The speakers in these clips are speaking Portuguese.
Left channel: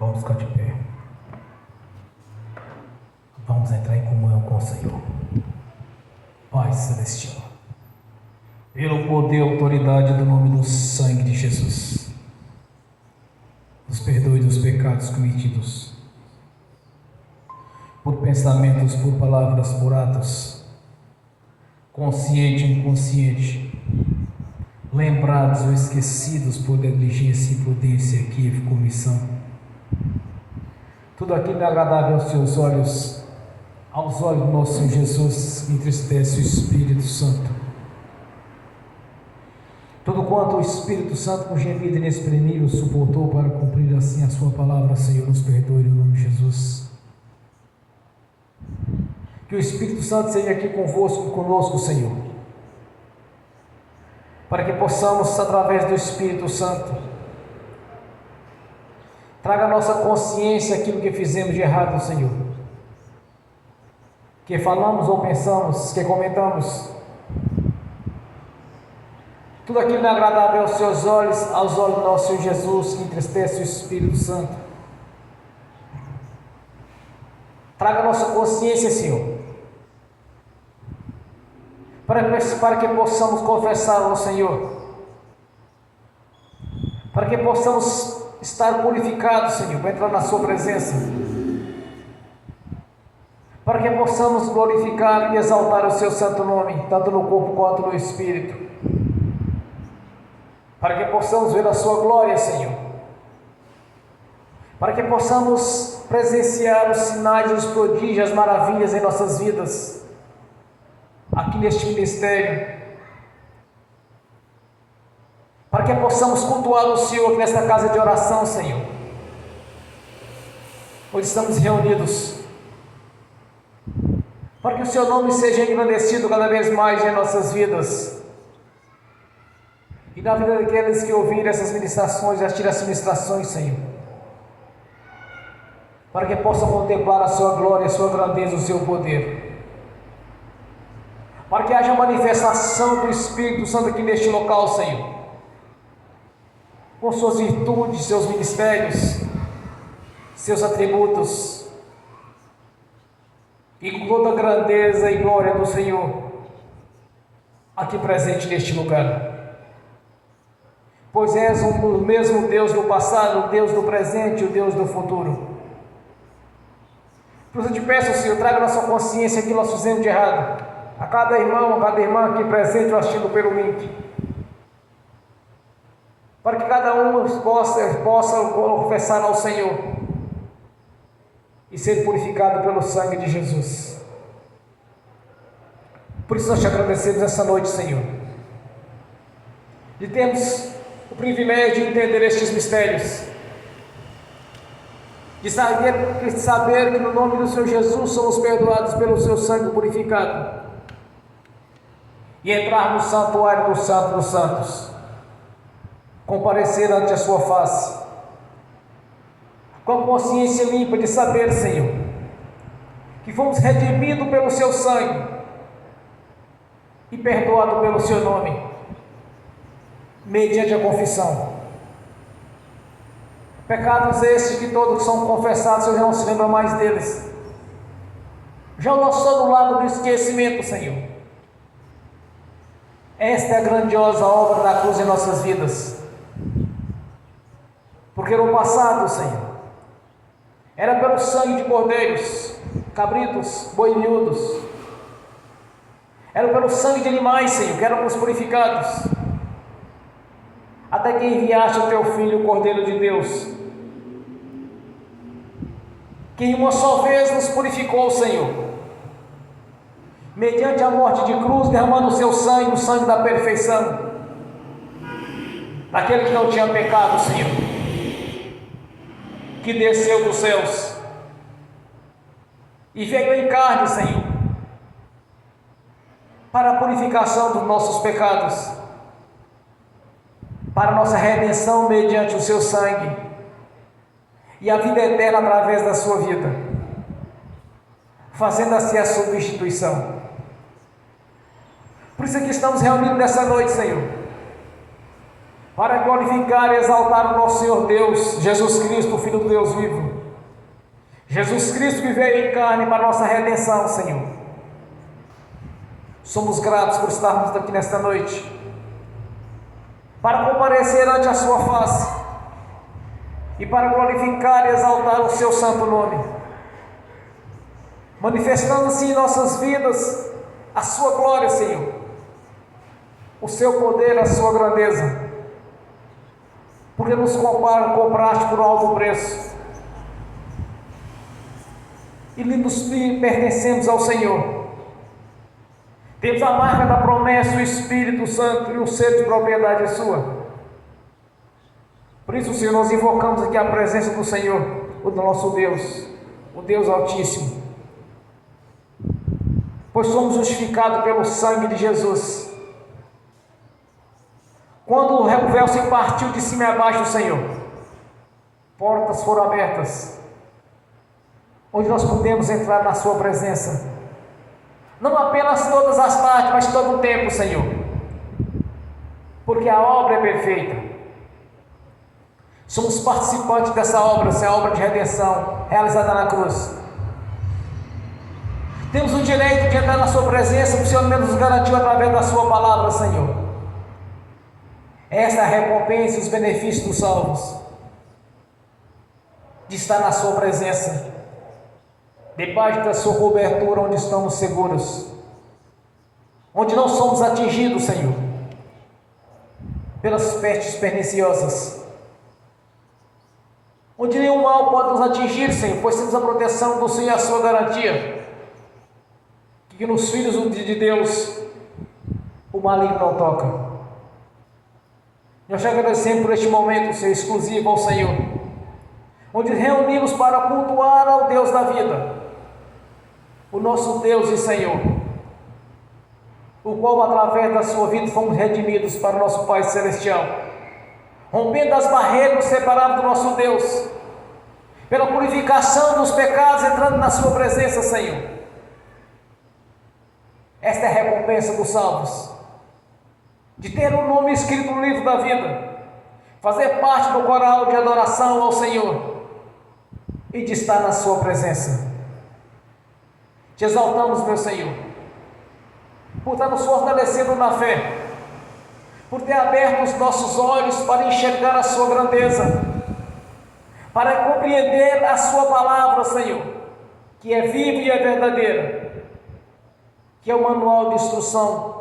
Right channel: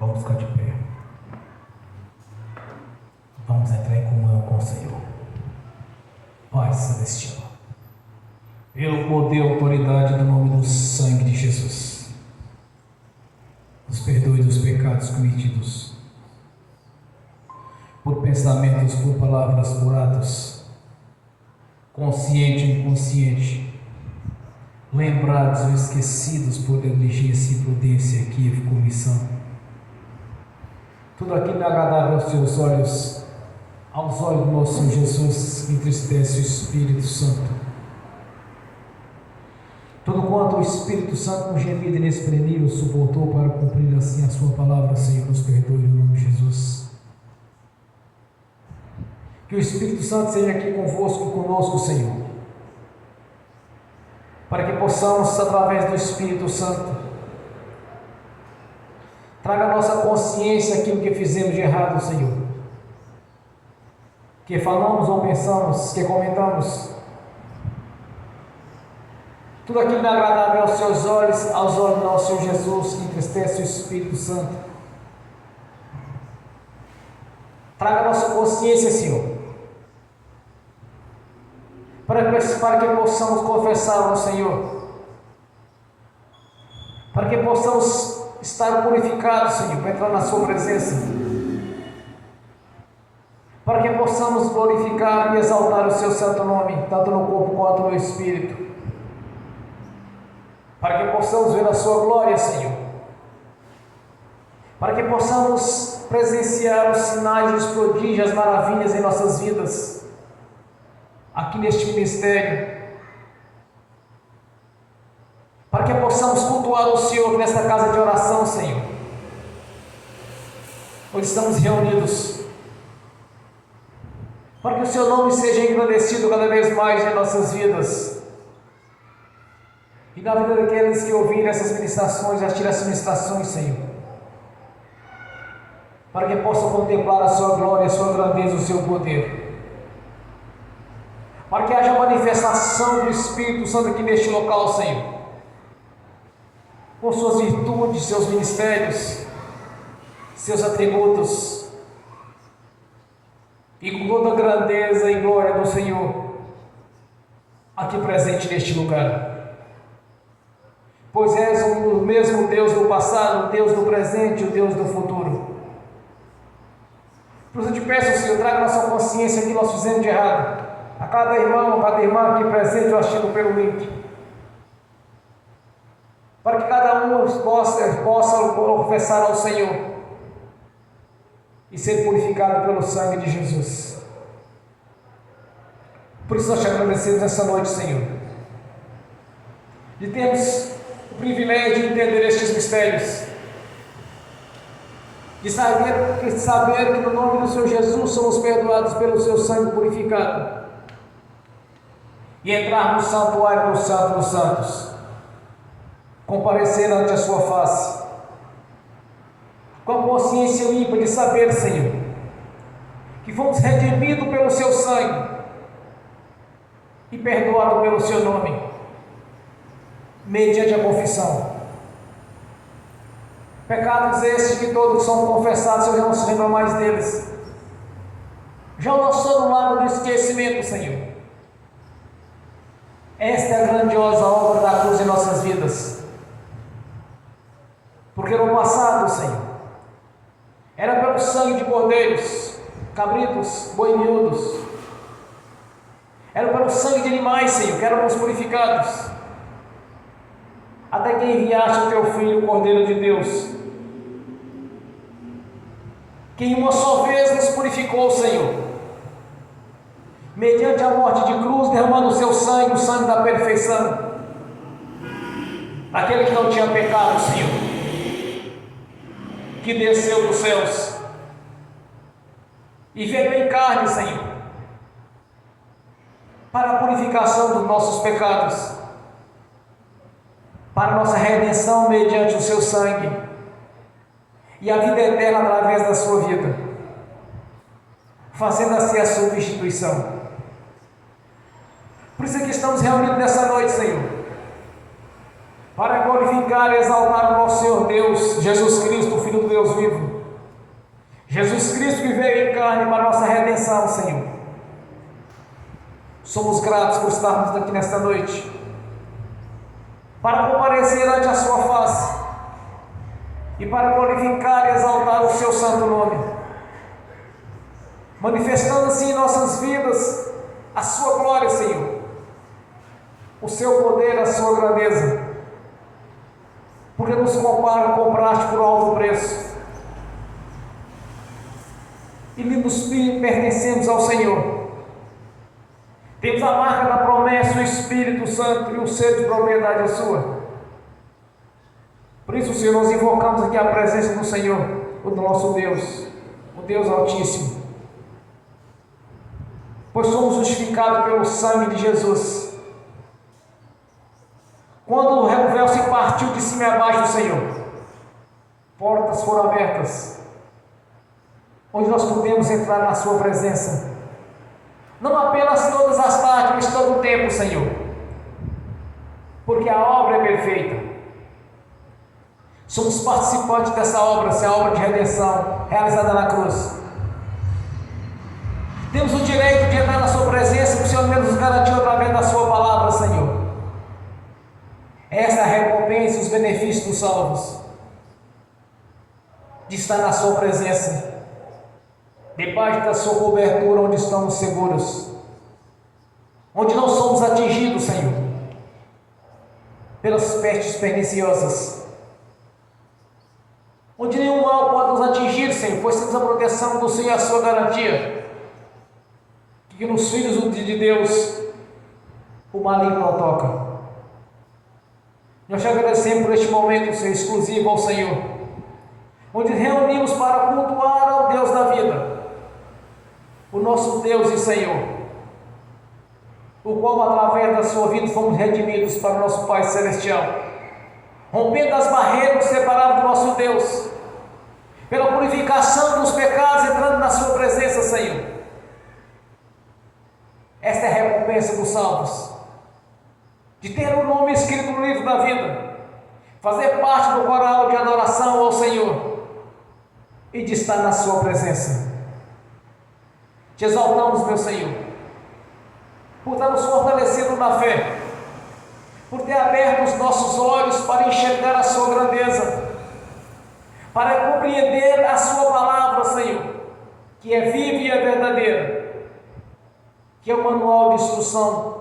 Vamos ficar de pé. Vamos entrar em comunhão com o Senhor. Pai Celestial, pelo poder e autoridade do nome do sangue de Jesus, nos perdoe dos pecados cometidos, por pensamentos, por palavras, por atos, consciente e inconsciente, lembrados ou esquecidos por negligência, imprudência, equívoco, omissão. Tudo aquilo é agradável aos seus olhos, aos olhos do nosso Senhor Jesus, entristece o Espírito Santo. Tudo quanto o Espírito Santo, com gemido inexprimível, suportou para cumprir assim a sua palavra, Senhor, nos perdoe no nome de Jesus. Que o Espírito Santo seja aqui convosco e conosco, Senhor, para que possamos, através do Espírito Santo, traga à nossa consciência aquilo que fizemos de errado, Senhor, que falamos ou pensamos, que comentamos, tudo aquilo é agradável aos seus olhos, aos olhos do nosso Senhor Jesus, que entristece o Espírito Santo. Traga a nossa consciência, Senhor, para que possamos confessar ao Senhor, para que possamos estar purificados, Senhor, para entrar na sua presença, para que possamos glorificar e exaltar o seu santo nome, tanto no corpo quanto no espírito, para que possamos ver a sua glória, Senhor, para que possamos presenciar os sinais, os prodígios, as maravilhas em nossas vidas, aqui neste ministério, para que possamos cultuar o Senhor nesta casa de oração, Senhor, onde estamos reunidos, para que o seu nome seja engrandecido cada vez mais em nossas vidas, e na vida daqueles que ouvirem essas ministrações, essas ministrações, Senhor, para que possam contemplar a sua glória, a sua grandeza, o seu poder, para que haja manifestação do Espírito Santo aqui neste local, Senhor, com suas virtudes, seus ministérios, seus atributos, e com toda a grandeza e glória do Senhor aqui presente neste lugar, pois és o mesmo Deus do passado, o Deus do presente e o Deus do futuro. Por isso eu te peço, Senhor, traga na sua consciência aquilo que nós fizemos de errado, a cada irmão, cada irmã aqui presente ou assistindo pelo link, para que cada um possa confessar ao Senhor e ser purificado pelo sangue de Jesus. Por isso nós te agradecemos essa noite, Senhor, e temos o privilégio de entender estes mistérios, de saber que no nome do Senhor Jesus somos perdoados pelo seu sangue purificado, e entrar no santuário do Santo dos Santos, comparecer ante a sua face, com a consciência limpa de saber, Senhor, que fomos redimidos pelo seu sangue e perdoados pelo seu nome, mediante a confissão. Pecados estes que todos são confessados, Senhor, não se lembra mais deles, já lançou no lago do esquecimento, Senhor. Esta é a grandiosa obra da cruz em nossas vidas, porque no passado, Senhor, era pelo sangue de cordeiros, cabritos, boi miúdos, era pelo sangue de animais, Senhor, que éramos purificados, até que enviaste o teu Filho, o Cordeiro de Deus, que em uma só vez nos purificou, Senhor, mediante a morte de cruz, derramando o seu sangue, o sangue da perfeição, daquele que não tinha pecado, Senhor, que desceu dos céus e veio em carne, Senhor, para a purificação dos nossos pecados, para a nossa redenção mediante o seu sangue e a vida eterna através da sua vida, fazendo assim a substituição. Por isso é que estamos reunidos nessa noite, Senhor, para glorificar e exaltar o nosso Senhor Deus, Jesus Cristo, o Filho do Deus vivo, Jesus Cristo que veio em carne para a nossa redenção, Senhor. Somos gratos por estarmos aqui nesta noite, para comparecer ante a sua face e para glorificar e exaltar o seu santo nome, manifestando assim em nossas vidas a sua glória, Senhor, o seu poder, a sua grandeza, porque nos compraste por alto preço e nos pertencemos ao Senhor. Temos a marca da promessa, o Espírito Santo e o selo de propriedade é sua. Por isso, Senhor, nós invocamos aqui a presença do Senhor, o nosso Deus, o Deus Altíssimo, pois somos justificados pelo sangue de Jesus. Quando o véu se partiu de cima e abaixo, Senhor, portas foram abertas, onde nós podemos entrar na sua presença, não apenas todas as tardes, mas todo o tempo, Senhor, porque a obra é perfeita. Somos participantes dessa obra, essa obra de redenção realizada na cruz. Temos o direito de entrar na sua presença, que o Senhor mesmo nos garantiu através da sua palavra, Senhor. Essa é a recompensa e os benefícios dos salvos, de estar na sua presença, debaixo da sua cobertura, onde estamos seguros, onde não somos atingidos, Senhor, pelas pestes perniciosas, onde nenhum mal pode nos atingir, Senhor, pois temos a proteção do Senhor e a sua garantia, que nos filhos de Deus o maligno não toca. Nós te agradecemos por este momento, Senhor, exclusivo ao Senhor, onde reunimos para cultuar ao Deus da vida, o nosso Deus e Senhor, o qual através da sua vida fomos redimidos para o nosso Pai Celestial, rompendo as barreiras que separaram do nosso Deus, pela purificação dos pecados, entrando na sua presença, Senhor. Esta é a recompensa dos salvos, de ter o nome escrito no livro da vida, fazer parte do coral de adoração ao Senhor e de estar na sua presença. Te exaltamos, meu Senhor, por estar nos fortalecendo na fé, por ter aberto os nossos olhos para enxergar a sua grandeza, para compreender a sua palavra, Senhor, que é viva e é verdadeira, que é o manual de instrução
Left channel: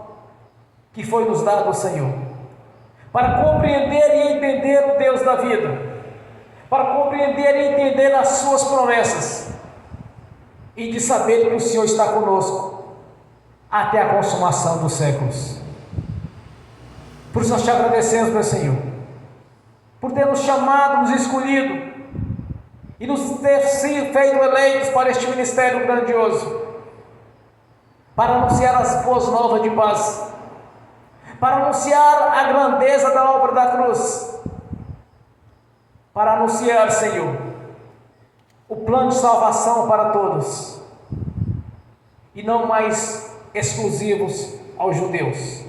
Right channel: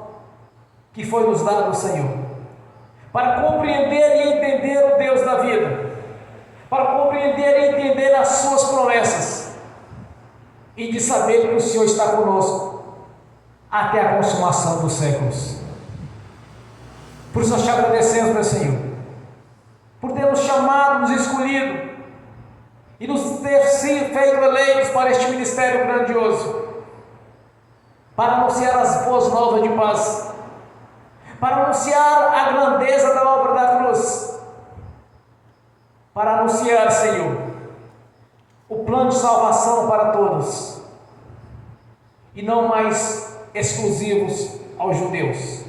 que foi nos dado, Senhor, para compreender e entender o Deus da vida, para compreender e entender as suas promessas, e de saber que o Senhor está conosco até a consumação dos séculos. Por isso nós te agradecemos, meu Senhor, por ter nos chamado, nos escolhido e nos ter sido feito eleitos para este ministério grandioso, para anunciar as boas novas de paz, para anunciar a grandeza da obra da cruz, para anunciar, Senhor, o plano de salvação para todos, e não mais exclusivos aos judeus,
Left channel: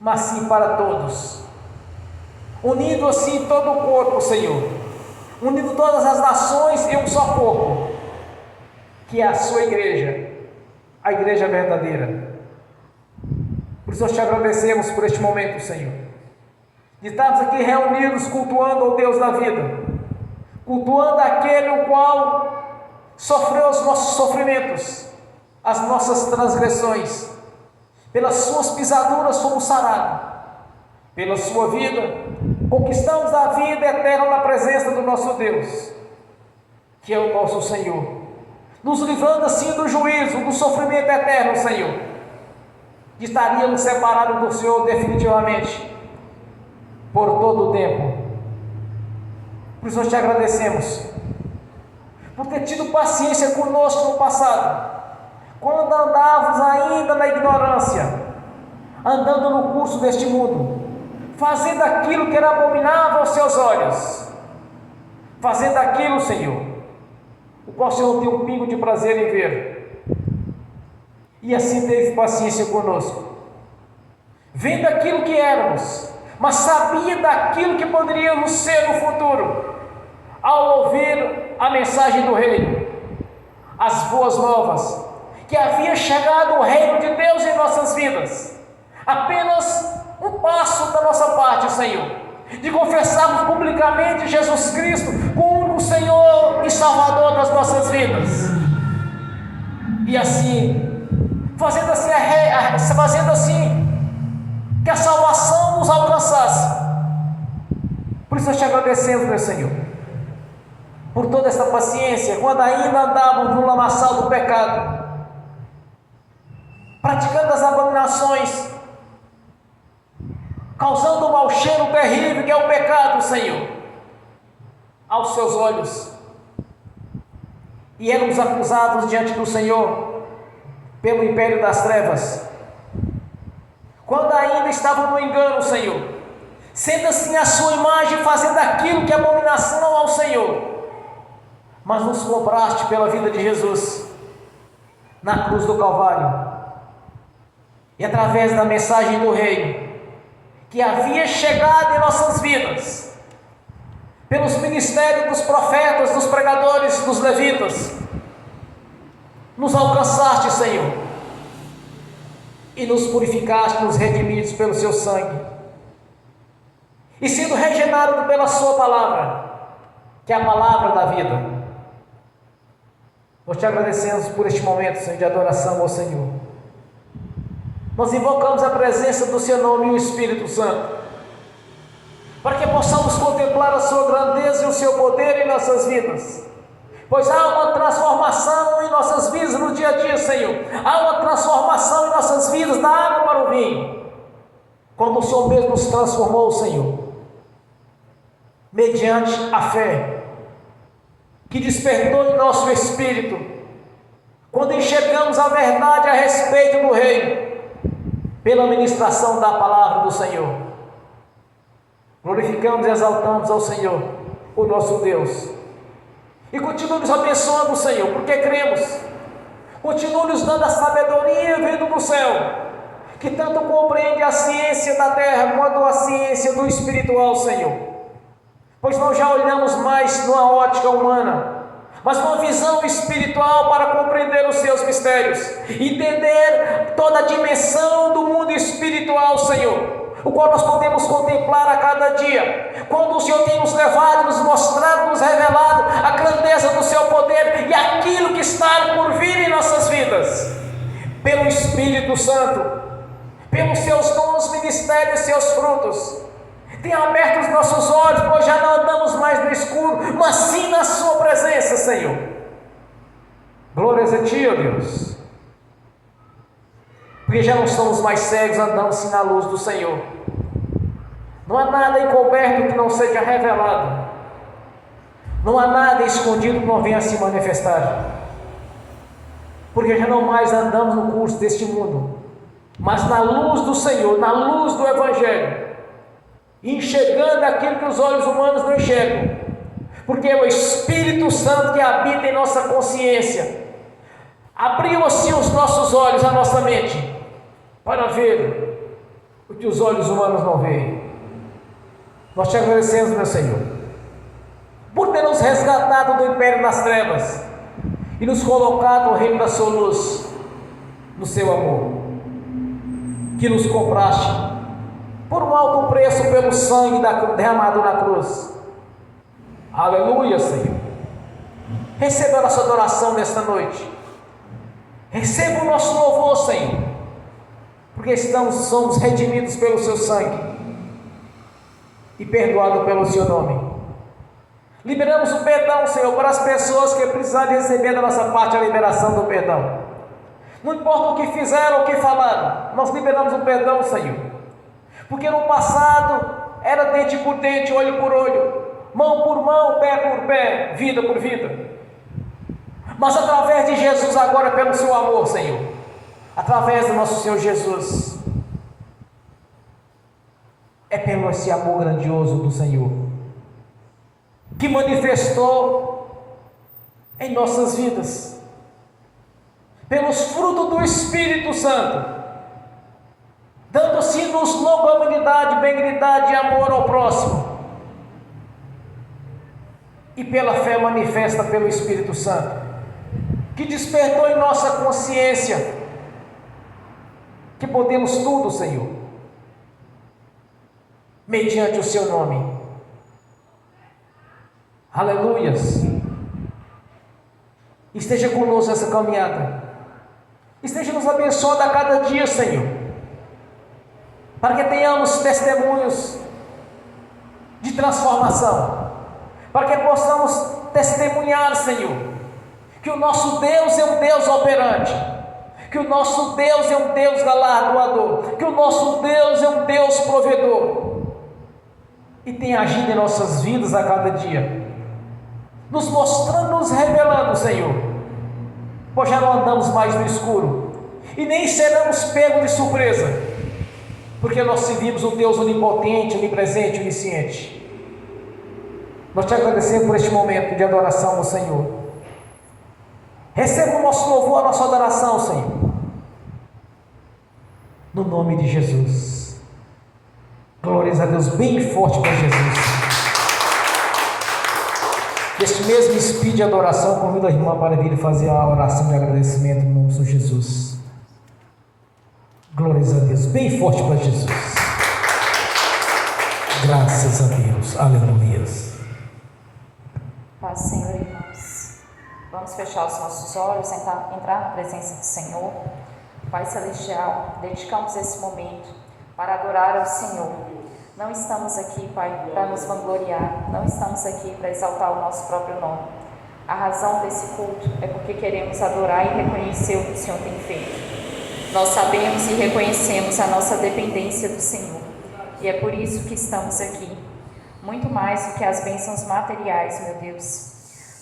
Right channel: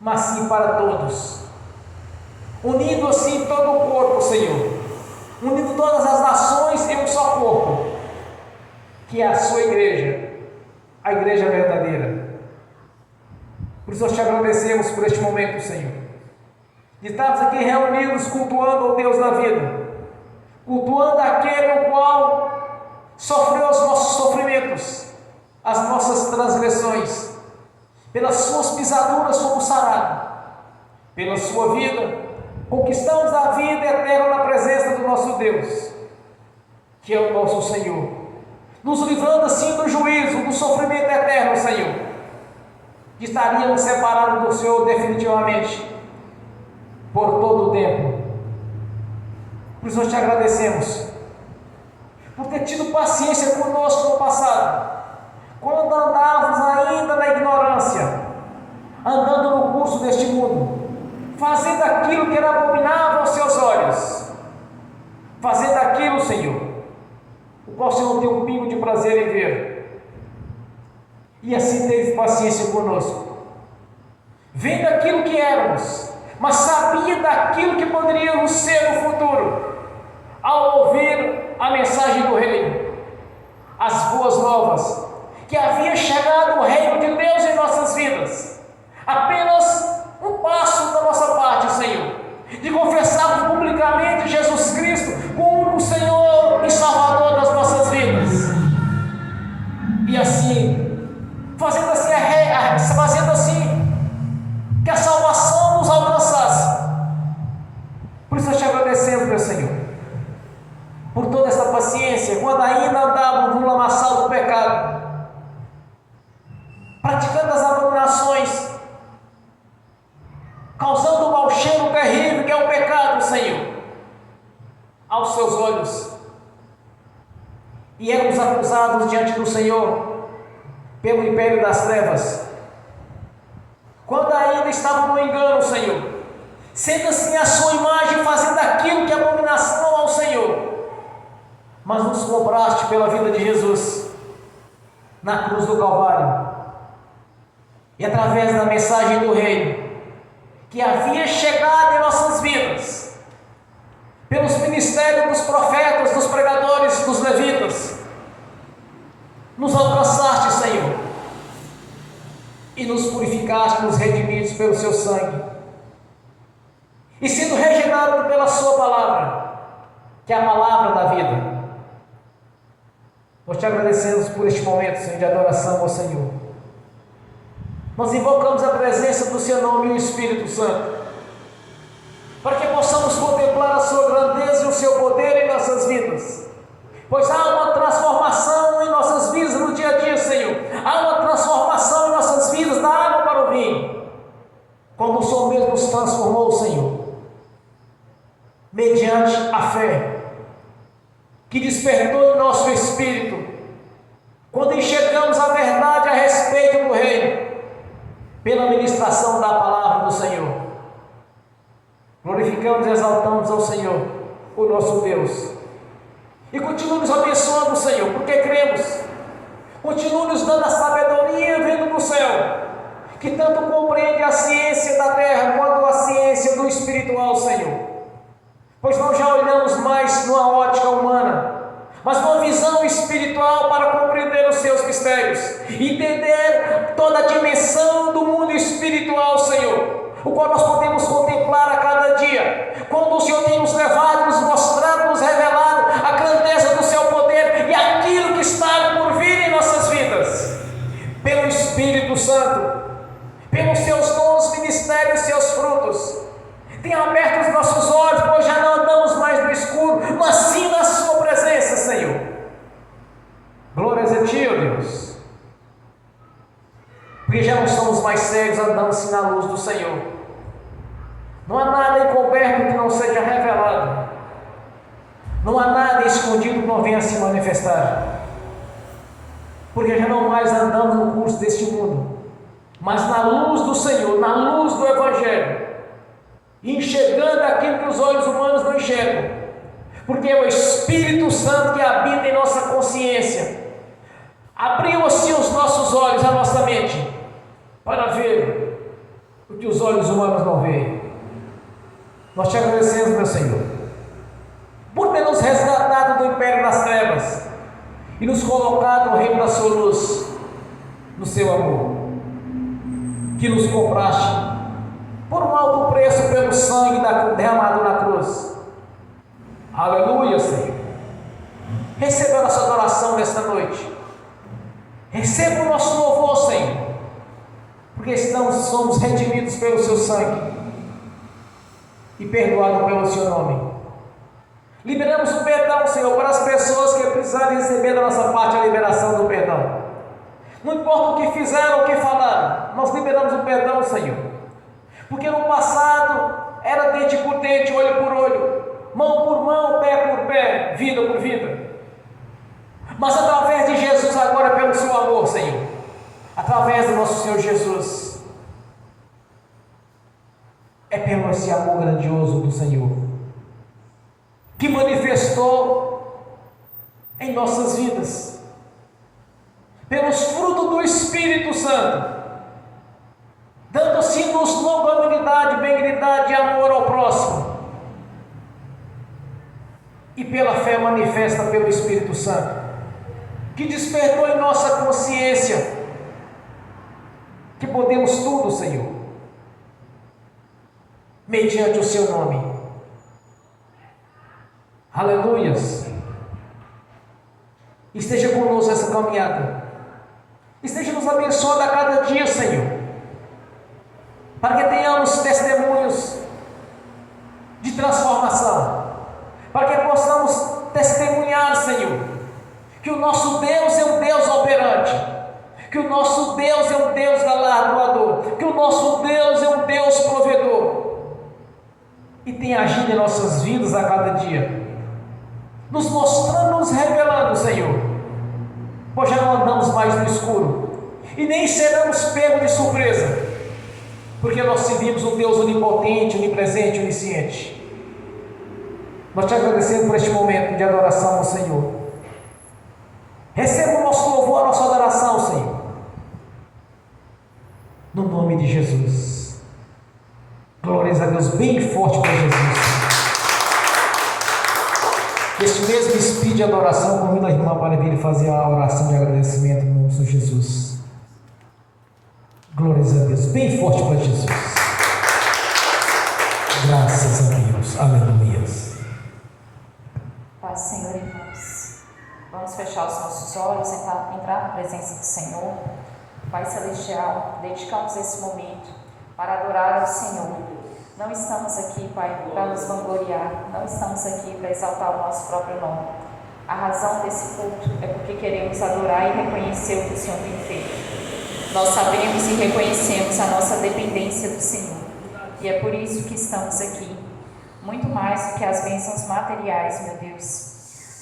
mas sim para todos, unindo assim todo o corpo, Senhor, unindo todas as nações em um só corpo, que é a sua igreja, a igreja verdadeira. Por isso nós te agradecemos por este momento, Senhor, de estarmos aqui reunidos cultuando o Deus da vida, cultuando aquele o qual sofreu os nossos sofrimentos, as nossas transgressões, pelas suas pisaduras fomos sarados, pela sua vida conquistamos a vida eterna na presença do nosso Deus, que é o nosso Senhor, nos livrando assim do juízo, do sofrimento eterno, Senhor, que estaríamos separados do Senhor definitivamente, por todo o tempo. Por isso nós te agradecemos, por ter tido paciência conosco no passado, quando andávamos ainda na ignorância, andando no curso deste mundo, fazendo aquilo que era abominável aos seus olhos, fazendo aquilo, Senhor, o qual o Senhor não tem um pingo de prazer em ver, e assim teve paciência conosco, vendo aquilo que éramos, mas sabia daquilo que poderíamos ser no futuro, ao ouvir a mensagem do reino, agradecemos, meu Senhor, por toda essa paciência, quando ainda andávamos no lamaçal do pecado, praticando as abominações, causando um mau cheiro terrível que é o pecado, Senhor, aos seus olhos, e éramos acusados diante do Senhor pelo império das trevas, quando ainda estava no engano, Senhor, sendo assim a sua imagem, fazendo aquilo que é abominação ao Senhor, mas nos compraste pela vida de Jesus na cruz do Calvário, e através da mensagem do Reino que havia chegado em nossas vidas, pelos ministérios dos profetas, dos pregadores, dos levitas, nos alcançaste, Senhor, e nos purificaste, nos redimidos pelo seu sangue, e sendo regenerado pela sua palavra, que é a palavra da vida. Nós te agradecemos por este momento, Senhor, de adoração ao Senhor. Nós invocamos a presença do seu nome e o Espírito Santo, para que possamos contemplar a sua grandeza e o seu poder em nossas vidas, pois há uma transformação em nossas vidas no dia a dia, Senhor. Há uma transformação em nossas vidas da água para o vinho, quando o Senhor mesmo nos transformou, Senhor, mediante a fé que despertou em nosso espírito, quando enxergamos a verdade a respeito do Reino, pela ministração da palavra do Senhor. Glorificamos e exaltamos ao Senhor, o nosso Deus, e continua nos abençoando, Senhor, porque cremos. Continua nos dando a sabedoria vindo do céu, que tanto compreende a ciência da terra quanto a ciência do espiritual, Senhor, pois não já olhamos mais numa ótica humana, mas numa visão espiritual, para compreender os seus mistérios, entender toda a dimensão do mundo espiritual, Senhor, o qual nós podemos contemplar a cada dia, quando o Senhor tem nos levado, nos mostrado, nos revelado a grandeza do seu poder e aquilo que está por vir em nossas vidas, pelo Espírito Santo, pelos seus dons, ministérios e seus frutos. Tenha aberto os nossos olhos, pois já não andamos mais no escuro, mas sim na sua presença, Senhor. Glórias a ti, ó Deus, porque já não somos mais cegos, andando sim na luz do Senhor. Não há nada encoberto que não seja revelado, não há nada escondido que não venha se manifestar, porque já não mais andamos no curso deste mundo, mas na luz do Senhor, na luz do Evangelho, enxergando aquilo que os olhos humanos não enxergam, porque é o Espírito Santo que habita em nossa consciência, abriu assim os nossos olhos, a nossa mente, para ver o que os olhos humanos não veem. Nós te agradecemos, meu Senhor, por ter nos resgatado do império das trevas e nos colocado no reino da sua luz, no seu amor, que nos compraste por um alto preço pelo sangue derramado na cruz. Aleluia, Senhor. Receba a nossa adoração nesta noite. Receba o nosso louvor, Senhor, porque somos redimidos pelo seu sangue e perdoados pelo seu nome. Liberamos o perdão, Senhor, para as pessoas que precisarem receber da nossa parte a liberação do perdão. Não importa o que fizeram ou o que falaram, nós liberamos o perdão, Senhor, porque no passado era dente por dente, olho por olho, mão por mão, pé por pé, vida por vida, mas através de Jesus agora, pelo seu amor, Senhor, através do nosso Senhor Jesus, é pelo esse amor grandioso do Senhor, que manifestou em nossas vidas, pelos frutos do Espírito Santo, dando-se-nos longanimidade, benignidade e amor ao próximo, e pela fé manifesta pelo Espírito Santo, que despertou em nossa consciência que podemos tudo, Senhor, mediante o seu nome. Aleluias. Esteja conosco essa caminhada, esteja nos abençoando a cada dia, Senhor, para que tenhamos testemunhos de transformação, que o nosso Deus é um Deus operante, que o nosso Deus é um Deus galardoador, que o nosso Deus é um Deus provedor, e tem agido em nossas vidas a cada dia, nos mostrando, nos revelando, Senhor, pois já não andamos mais no escuro, e nem seremos pegos de surpresa, porque nós servimos um Deus onipotente, onipresente, onisciente. Nós te agradecemos por este momento de adoração ao Senhor. Receba o nosso louvor, a nossa adoração, Senhor, no nome de Jesus. Glórias a Deus, bem forte para Jesus. Este mesmo espírito de adoração, convido a irmã para vir fazer a oração de agradecimento no nome de Jesus. Glórias a Deus, bem forte para Jesus. Graças a Deus, aleluia. Paz, Senhor, irmãos. Vamos fechar os nossos olhos, entrar na presença do Senhor. Pai Celestial, dedicamos esse momento para adorar ao Senhor. Não estamos aqui, Pai, para nos vangloriar, não estamos aqui para exaltar o nosso próprio nome. A razão desse culto é porque queremos adorar e reconhecer o que o Senhor tem feito. Nós sabemos e reconhecemos a nossa dependência do Senhor, e é por isso que estamos aqui. Muito mais do que as bênçãos materiais, meu Deus.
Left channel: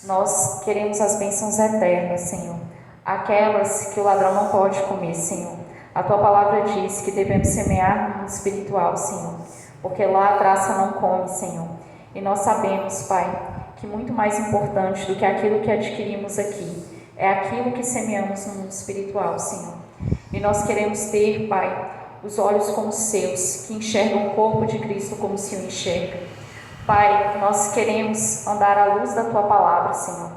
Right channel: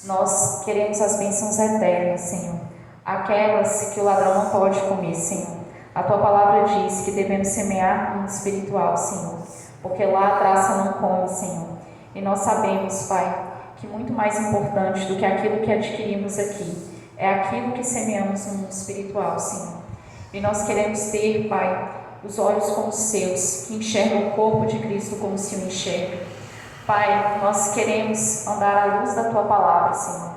Nós queremos as bênçãos eternas, Senhor, aquelas que o ladrão não pode comer, Senhor. A Tua palavra diz que devemos semear no espiritual, Senhor, porque lá a traça não come, Senhor. E nós sabemos, Pai, que muito mais importante do que aquilo que adquirimos aqui é aquilo que semeamos no mundo espiritual, Senhor. E nós queremos ter, Pai, os olhos como os seus, que enxergam o corpo de Cristo como o Senhor enxerga. Pai, nós queremos andar à luz da Tua palavra, Senhor.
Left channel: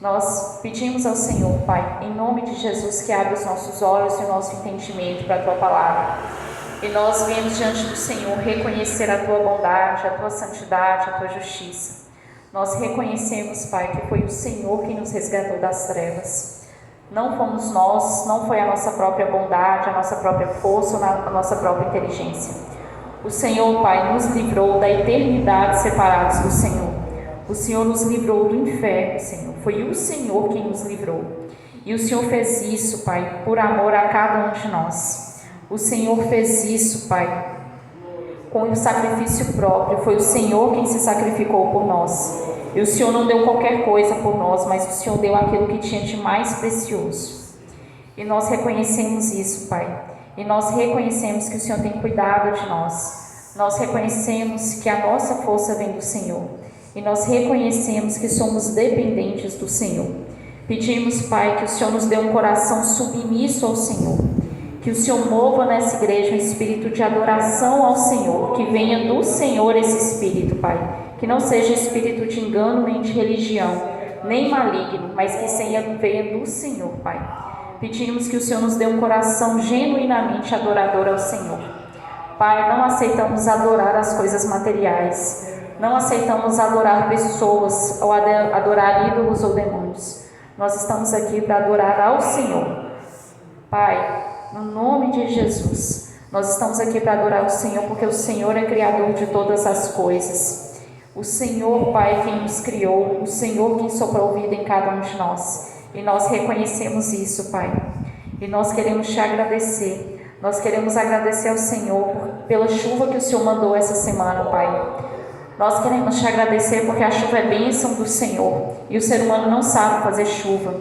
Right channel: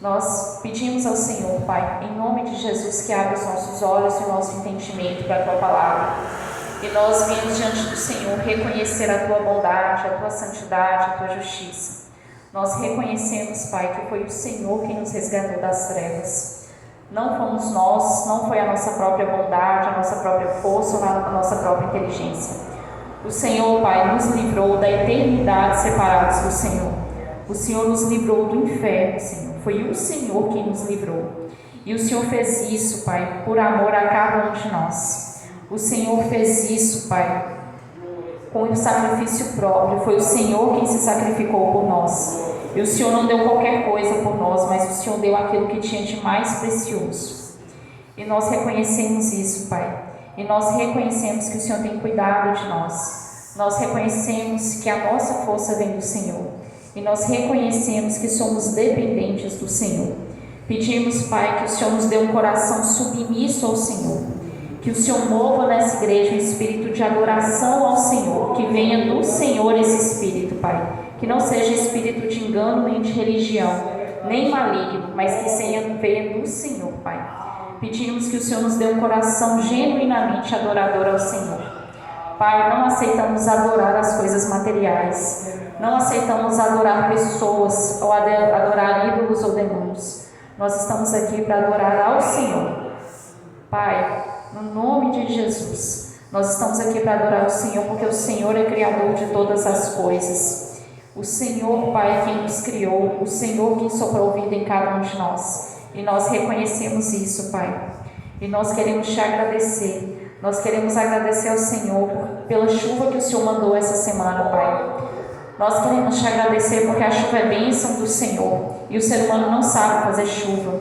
Nós pedimos ao Senhor, Pai, em nome de Jesus, que abra os nossos olhos e o nosso entendimento para a Tua palavra. E nós viemos diante do Senhor reconhecer a Tua bondade, a Tua santidade, a Tua justiça. Nós reconhecemos, Pai, que foi o Senhor quem nos resgatou das trevas. Não fomos nós, não foi a nossa própria bondade, a nossa própria força, a nossa própria inteligência. O Senhor, Pai, nos livrou da eternidade separados do Senhor. O Senhor nos livrou do inferno, Senhor. Foi o Senhor quem nos livrou. E o Senhor fez isso, Pai, por amor a cada um de nós. O Senhor fez isso, Pai, com o sacrifício próprio. Foi o Senhor quem se sacrificou por nós. E o Senhor não deu qualquer coisa por nós, mas o Senhor deu aquilo que tinha de mais precioso. E nós reconhecemos isso, Pai. E nós reconhecemos que o Senhor tem cuidado de nós. Nós reconhecemos que a nossa força vem do Senhor. E nós reconhecemos que somos dependentes do Senhor. Pedimos, Pai, que o Senhor nos dê um coração submisso ao Senhor. Que o Senhor mova nessa igreja um espírito de adoração ao Senhor. Que venha do Senhor esse espírito, Pai. Que não seja espírito de engano nem de religião, nem maligno, mas que venha do Senhor, Pai. Pedimos que o Senhor nos dê um coração genuinamente adorador ao Senhor. Pai, não aceitamos adorar as coisas materiais, não aceitamos adorar pessoas ou adorar ídolos ou demônios. Nós estamos aqui para adorar ao Senhor. Pai, no nome de Jesus, nós estamos aqui para adorar o Senhor, porque o Senhor é criador de todas as coisas. O Senhor, Pai, quem nos criou, o Senhor quem soprou vida em cada um de nós. E nós reconhecemos isso, Pai. E nós queremos te agradecer. Nós queremos agradecer ao Senhor pela chuva que o Senhor mandou essa semana, Pai. Nós queremos te agradecer porque a chuva é bênção do Senhor. E o ser humano não sabe fazer chuva.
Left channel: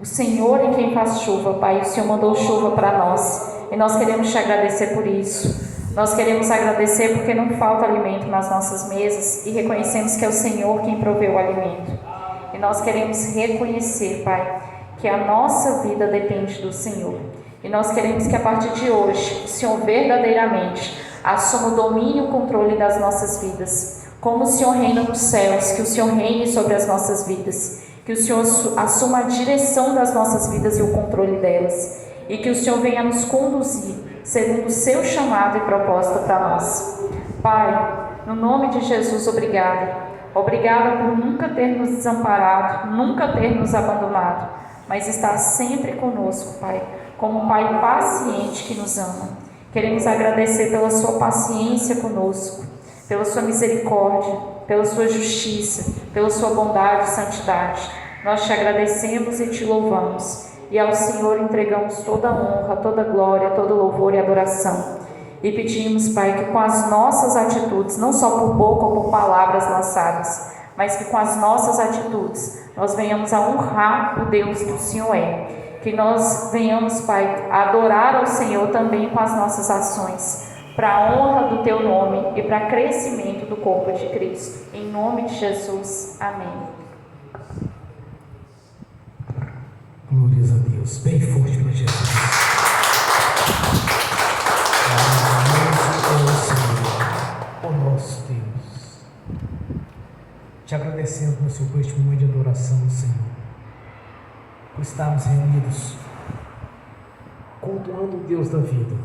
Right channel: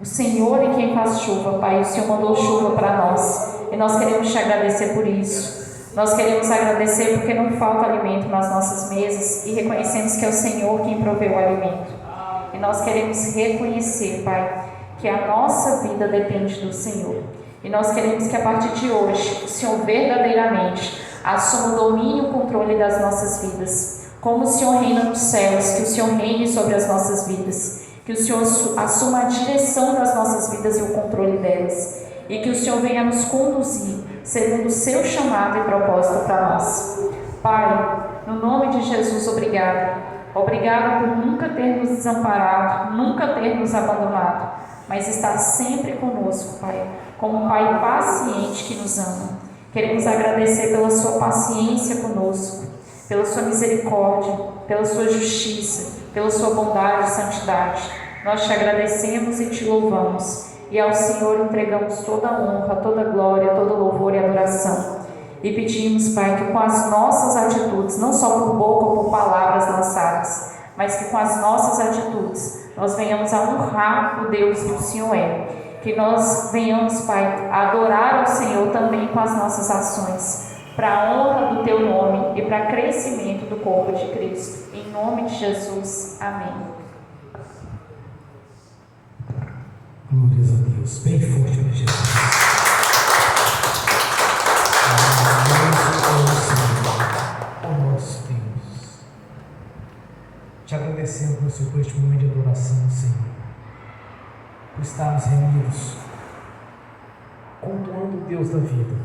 O Senhor é quem faz chuva, Pai. O Senhor mandou chuva para nós. E nós queremos te agradecer por isso. Nós queremos agradecer porque não falta alimento nas nossas mesas. E reconhecemos que é o Senhor quem proveu o alimento. E nós queremos reconhecer, Pai, que a nossa vida depende do Senhor. E nós queremos que a partir de hoje, o Senhor verdadeiramente assuma o domínio e o controle das nossas vidas. Como o Senhor reina nos céus, que o Senhor reine sobre as nossas vidas. Que o Senhor assuma a direção das nossas vidas e o controle delas. E que o Senhor venha nos conduzir, segundo o seu chamado e propósito para nós. Pai, no nome de Jesus, obrigado. Obrigado por nunca ter nos desamparado, nunca ter nos abandonado, mas estar sempre conosco, Pai, como um Pai paciente que nos ama. Queremos agradecer pela sua paciência conosco, pela sua misericórdia, pela sua justiça, pela sua bondade e santidade. Nós te agradecemos e te louvamos, e ao Senhor entregamos toda a honra, toda a glória, todo louvor e adoração. E pedimos, Pai, que com as nossas atitudes, não só por boca ou por palavras lançadas, mas que com as nossas atitudes nós venhamos a honrar o Deus que o Senhor é. Que nós venhamos, Pai, a adorar ao Senhor também com as nossas ações, para a honra do Teu nome e para crescimento do corpo de Cristo. Em nome de Jesus. Amém. Glórias a Deus. Bem forte para Jesus. O nosso Deus. Te agradecemos, meu Senhor, por este momento de adoração, Senhor. Por estarmos reunidos, cultuando o Deus da vida,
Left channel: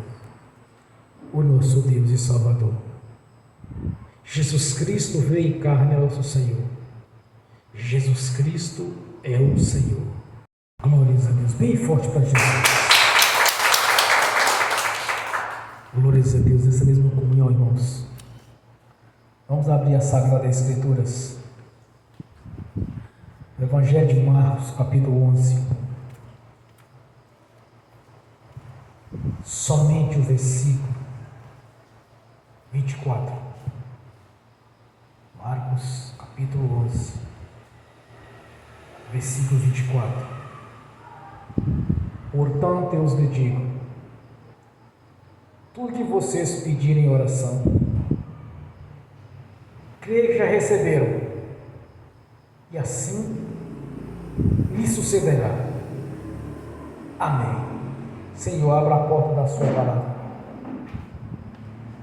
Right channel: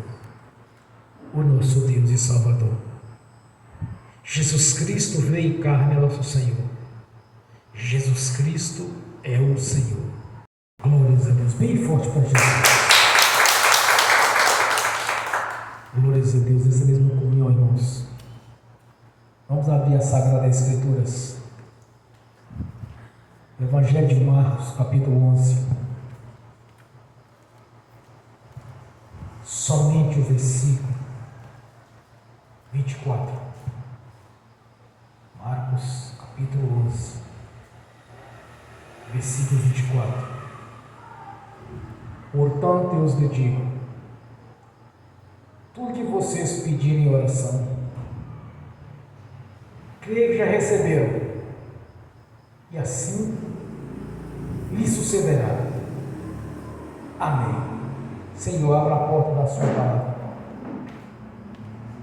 o nosso Deus e Salvador. Jesus Cristo veio em carne, é nosso Senhor. Jesus Cristo é o Senhor. Glórias a Deus. Bem forte para Jesus. Glórias a Deus. Nessa mesma comunhão, irmãos, vamos abrir as Sagradas Escrituras. Evangelho de Marcos, capítulo 11. Somente o versículo 24. Marcos, capítulo 11, versículo 24. Portanto, eu os digo: tudo que vocês pedirem em oração, creio que já receberam, e assim lhe sucederá. Amém. Senhor, abra a porta da sua palavra,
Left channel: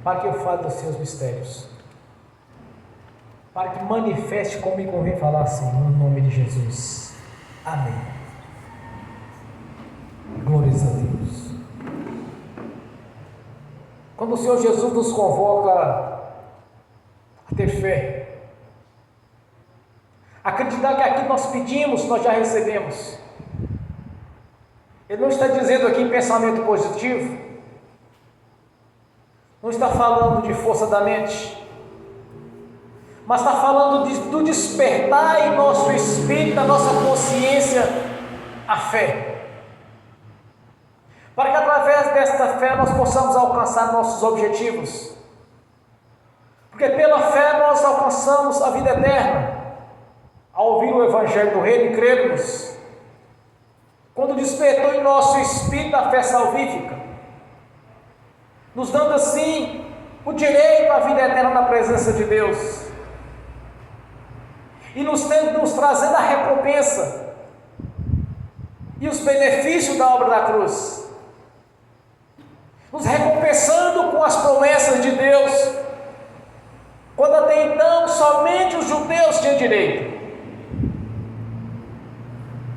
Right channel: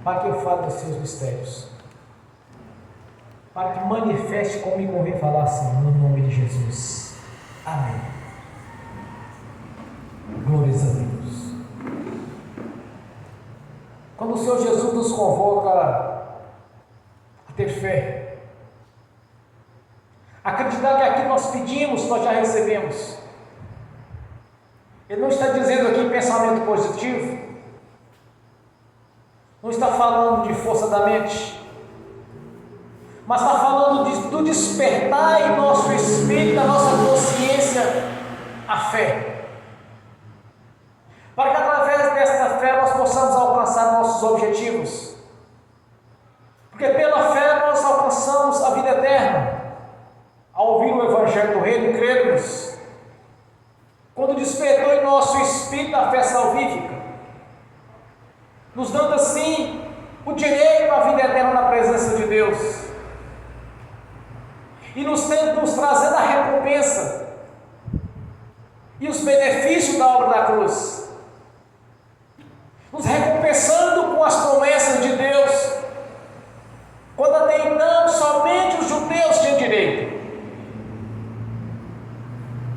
para que eu fale dos seus mistérios, para que manifeste como me convém falar, Senhor, no nome de Jesus. Amém. Glórias a Deus. Quando o Senhor Jesus nos convoca a ter fé, acreditar que aquilo nós pedimos, nós já recebemos. Ele não está dizendo aqui pensamento positivo, não está falando de força da mente, mas está falando do despertar em nosso espírito, na nossa consciência, a fé. Para que através desta fé nós possamos alcançar nossos objetivos. Porque pela fé nós alcançamos a vida eterna, ao ouvir o Evangelho do Reino e crermos. Quando despertou em nosso espírito a fé salvífica, nos dando assim o direito à vida eterna na presença de Deus, e nos trazendo a recompensa e os benefícios da obra da cruz, nos recompensando com as promessas de Deus, quando até então somente os judeus tinham direito.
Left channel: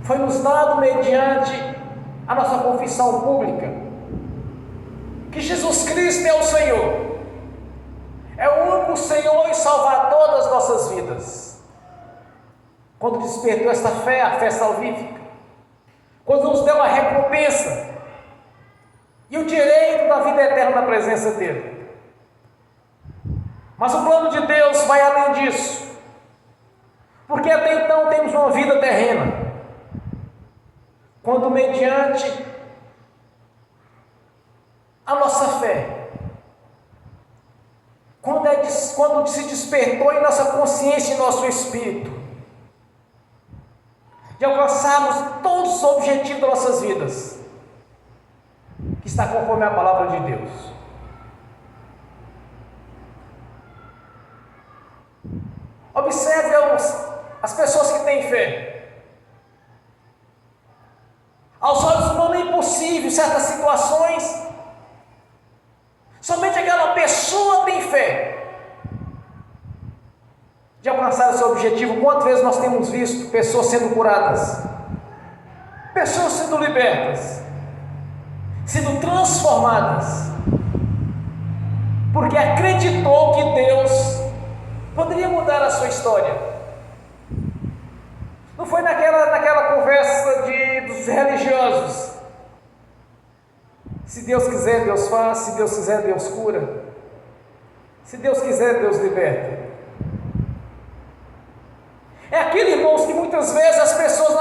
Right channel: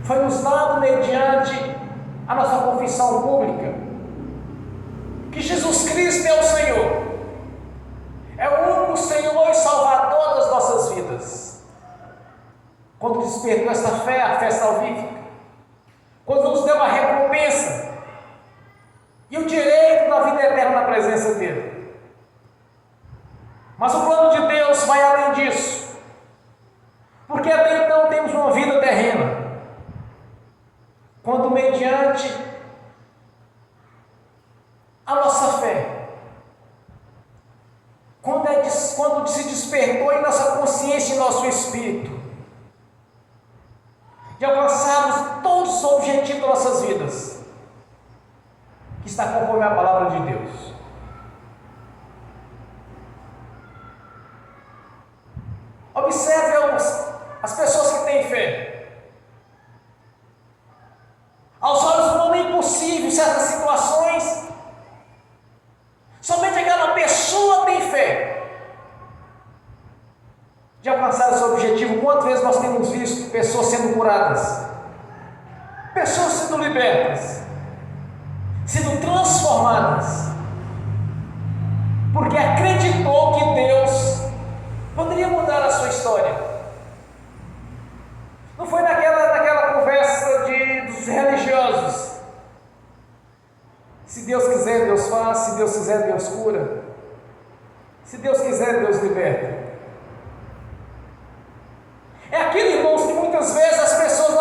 Foi nos dado mediante a nossa confissão pública que Jesus Cristo é o Senhor, é o único Senhor e Salvador das nossas vidas. Quando despertou esta fé, a fé salvífica, quando nos deu a recompensa e o direito da vida eterna na presença dele. Mas o plano de Deus vai além disso, porque até então temos uma vida terrena. Quando mediante a nossa fé, quando se despertou em nossa consciência e nosso espírito, de alcançarmos todos os objetivos das nossas vidas, que está conforme a palavra de Deus. Observe as pessoas que têm fé. Aos olhos do mundo é impossível certas situações. Somente aquela pessoa tem fé de alcançar o seu objetivo. Quantas vezes nós temos visto pessoas sendo curadas, pessoas sendo libertas, sendo transformadas, porque acreditou que Deus poderia mudar a sua história. Não foi naquela conversa dos religiosos. Se Deus quiser, Deus faz. Se Deus quiser, Deus cura. Se Deus quiser, Deus liberta. É aquilo, irmãos, que muitas vezes as pessoas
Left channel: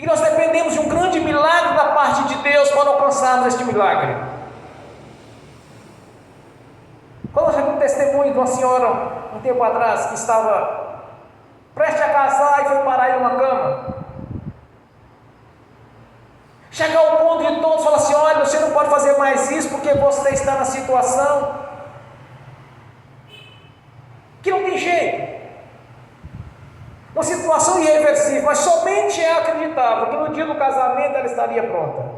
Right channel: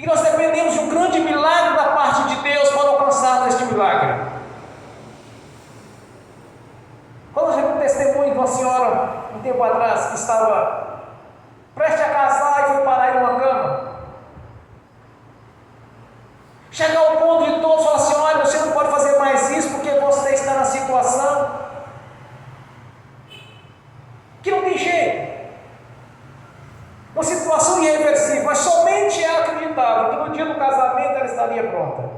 E nós dependemos de um grande milagre da parte de Deus para alcançar este milagre. Quando eu já vi um testemunho de uma senhora, um tempo atrás, que estava prestes a casar e foi parar em uma cama. Chegar ao ponto de todos falar assim: olha, você não pode fazer mais isso porque você está na situação que não tem jeito. Uma situação irreversível, mas somente ela acreditava que no dia do casamento ela estaria pronta.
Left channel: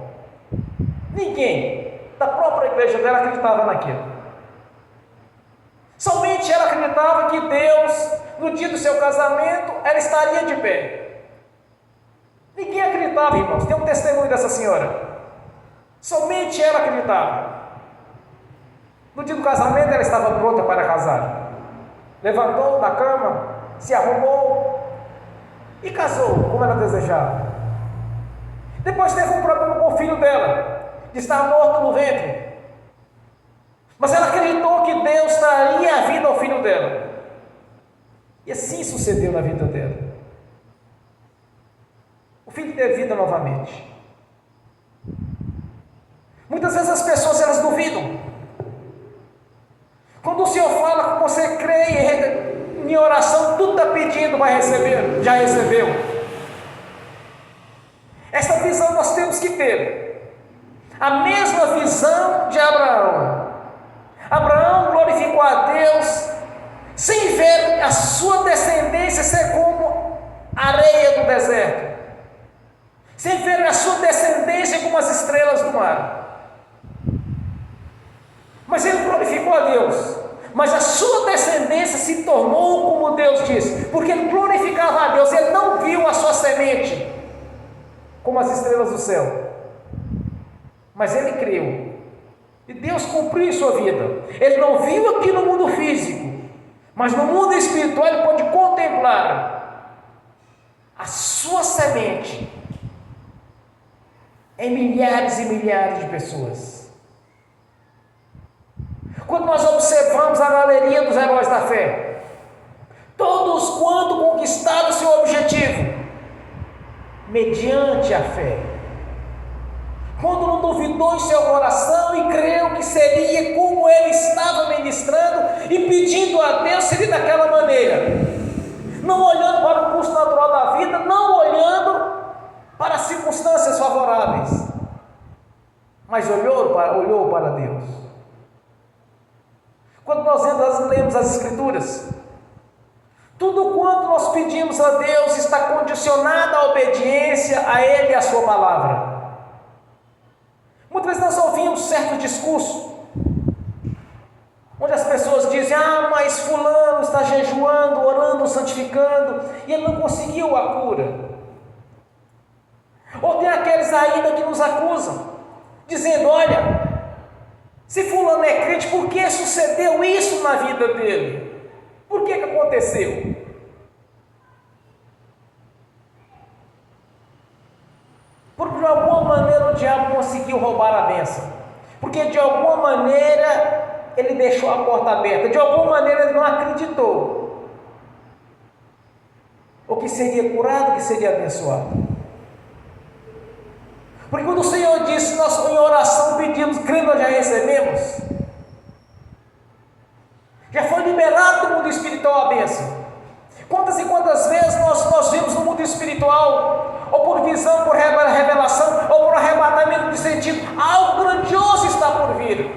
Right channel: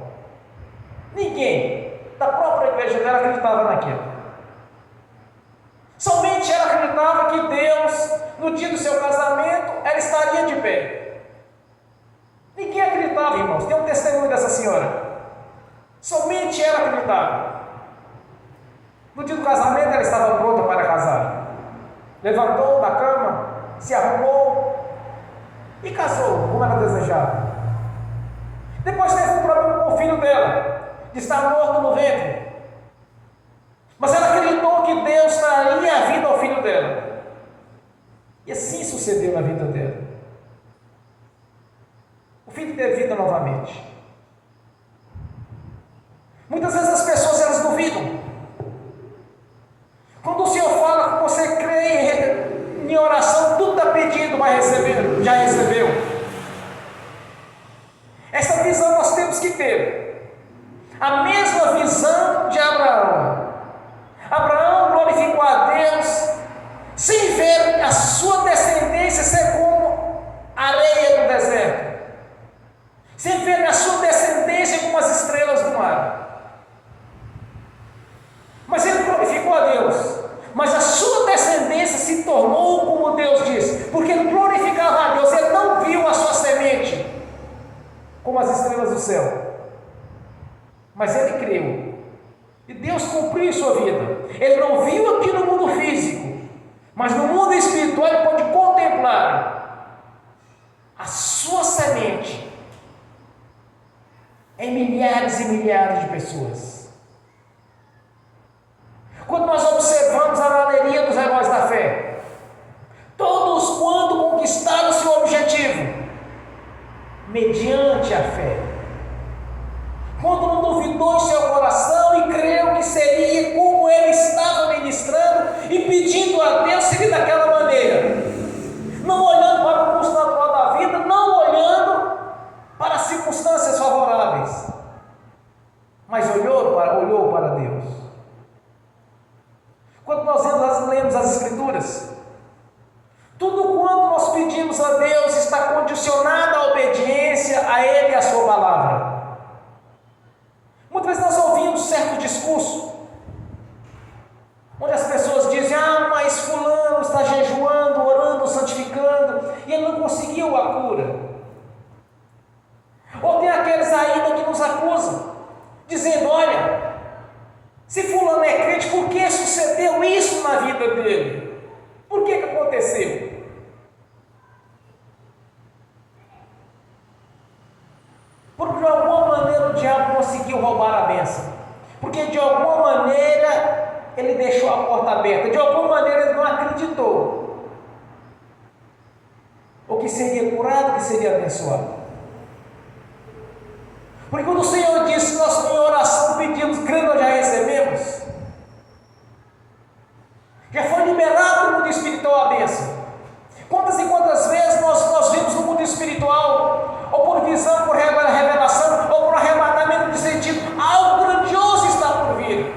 Ninguém da própria igreja dela acreditava naquilo. Somente ela acreditava que Deus, no dia do seu casamento, ela estaria de pé. Ninguém acreditava, irmãos. Tem um testemunho dessa senhora. Somente ela acreditava. No dia do casamento ela estava pronta para casar. Levantou da cama, se arrumou e casou como ela desejava. Depois teve um problema com o filho dela, de estar morto no ventre. Mas ela acreditou que Deus daria a vida ao filho dela. E assim sucedeu na vida dela. O filho teve vida novamente. Muitas vezes as pessoas elas duvidam. Quando o Senhor fala que você crê em oração, tudo está pedindo, vai receber, já recebeu. Essa visão nós temos que ter. A mesma visão de Abraão. Abraão glorificou a Deus sem ver a sua descendência ser como areia do deserto, sem ver a sua descendência como as estrelas do mar. Mas ele glorificou a Deus, mas a sua descendência se tornou como Deus disse, porque ele glorificava a Deus, ele não viu a sua semente como as estrelas do céu, mas ele creu. E Deus cumpriu em sua vida. Ele não viu aqui no mundo físico, mas no mundo espiritual ele pode contemplar a sua semente em milhares e milhares de pessoas. Quando nós observamos a galeria dos heróis da fé, todos quanto conquistaram seu objetivo, mediante a fé. Quando não duvidou em seu coração e creu que seria como ele estava ministrando e pedindo a Deus, seria daquela maneira, não olhando para o curso natural da vida, não olhando para as circunstâncias favoráveis, mas olhou para Deus. Quando nós lemos as Escrituras, tudo quanto nós pedimos a Deus está condicionado à obediência a Ele e à sua palavra. Muitas vezes nós ouvimos certo discurso, onde as pessoas dizem: ah, mas fulano está jejuando, orando, santificando, e ele não conseguiu a cura. Ou tem aqueles ainda que nos acusam, dizendo: olha, se fulano é crente, por que sucedeu isso na vida dele? Por que aconteceu? Porque de alguma maneira o diabo conseguiu roubar a bênção. Porque de alguma maneira ele deixou a porta aberta. De alguma maneira ele não acreditou. Ou que seria curado, que seria abençoado. Porque quando o Senhor disse, nós com oração pedimos, crendo, já recebemos. Já foi liberado no mundo espiritual a bênção. Quantas e quantas vezes nós vemos no mundo espiritual, ou por visão, por revelação, ou por arrebatamento de sentido, algo grandioso está por vir.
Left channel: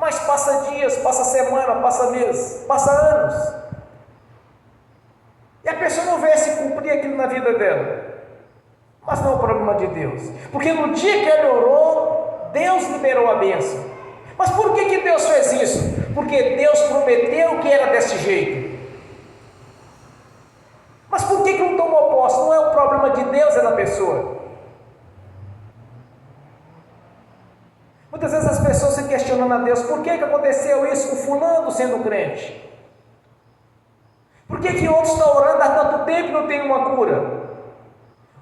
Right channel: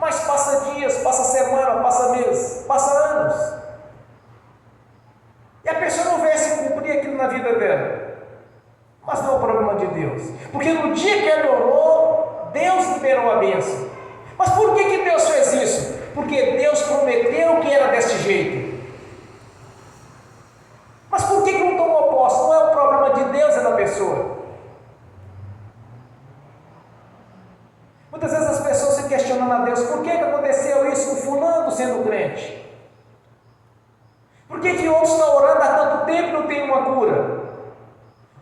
Mas passa dias, passa semana, passa meses, passa anos. E a pessoa não vê se cumprir aquilo na vida dela. Mas não é o problema de Deus. Porque no dia que ele orou, Deus liberou a bênção. Mas por que Deus fez isso? Porque Deus prometeu que era desse jeito. Mas por que não tomou posse? Não é o problema de Deus, é da pessoa. Muitas vezes as pessoas se questionam a Deus: por que aconteceu isso com fulano sendo crente? Por que outros estão orando há tanto tempo e não tem uma cura?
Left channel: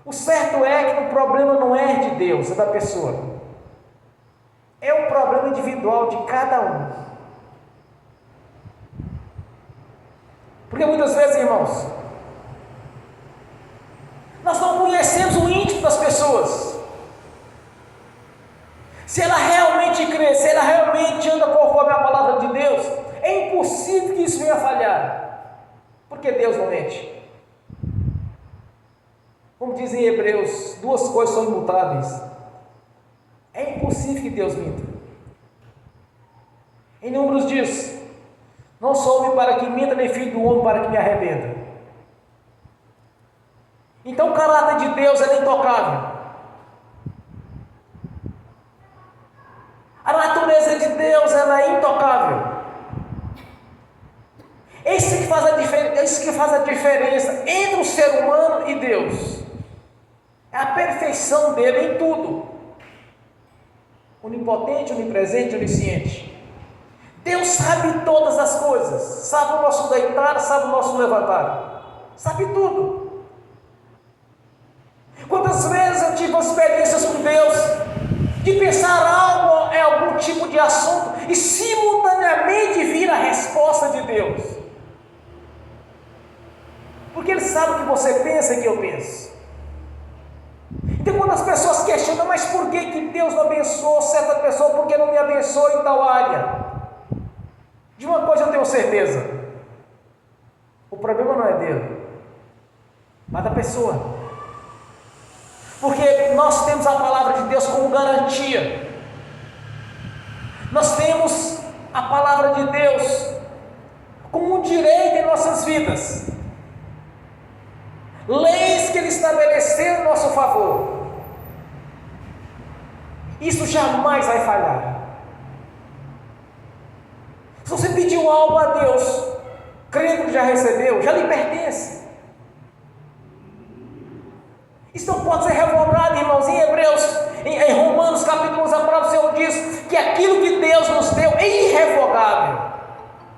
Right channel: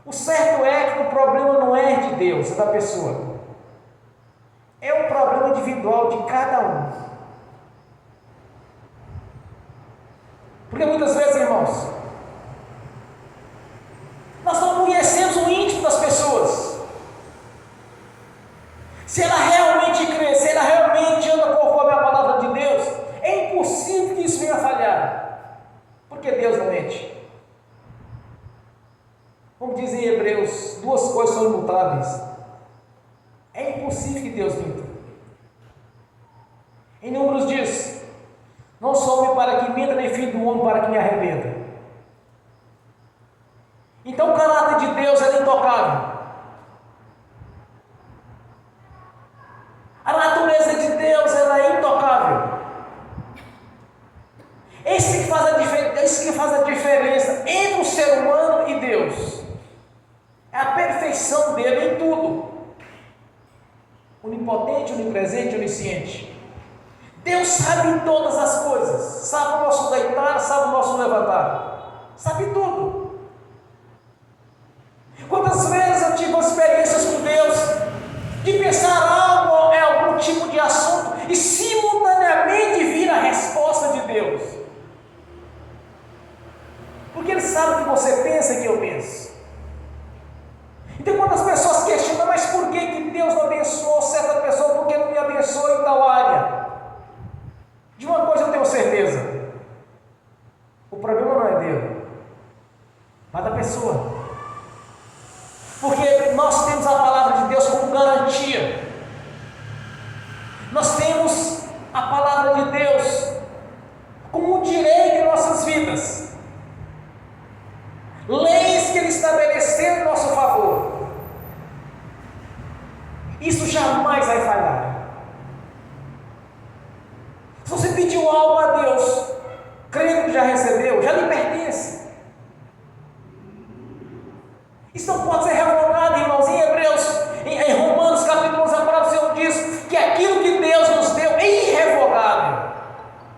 O certo é que o problema não é de Deus, é da pessoa. É um problema individual de cada um. Porque muitas vezes, irmãos, nós não Como diz em Hebreus, duas coisas são imutáveis. É impossível que Deus minta. Em Números diz: não sou homem para que minta, nem filho do homem para que me arrependa. Então o caráter de Deus é intocável. A natureza de Deus é intocável. É isso que faz a diferença entre o ser humano e Deus. É a perfeição dele em tudo. Onipotente, onipresente, onisciente. Deus sabe todas as coisas. Sabe o nosso deitar, sabe o nosso levantar. Sabe tudo. Quantas vezes eu tive experiências com Deus de pensar algo, algum tipo de assunto e simultaneamente vir a resposta de Deus. Porque Ele sabe o que você pensa e que eu penso. Então quando as pessoas questionam, mas por que Deus não abençoou certa pessoa, por que não me abençoou em tal área? De uma coisa eu tenho certeza: o problema não é dele, mas da pessoa. Porque nós temos a palavra de Deus como garantia. Nós temos a palavra de Deus como um direito em nossas vidas. Leis que Ele estabeleceu em nosso favor. Isso jamais vai falhar. Se você pediu algo a Deus, crendo que já recebeu, já lhe pertence. Isso não pode ser revogado, irmãos. Em Hebreus, em Romanos capítulo 11, a palavra do Senhor diz que aquilo que Deus nos deu é irrevogável.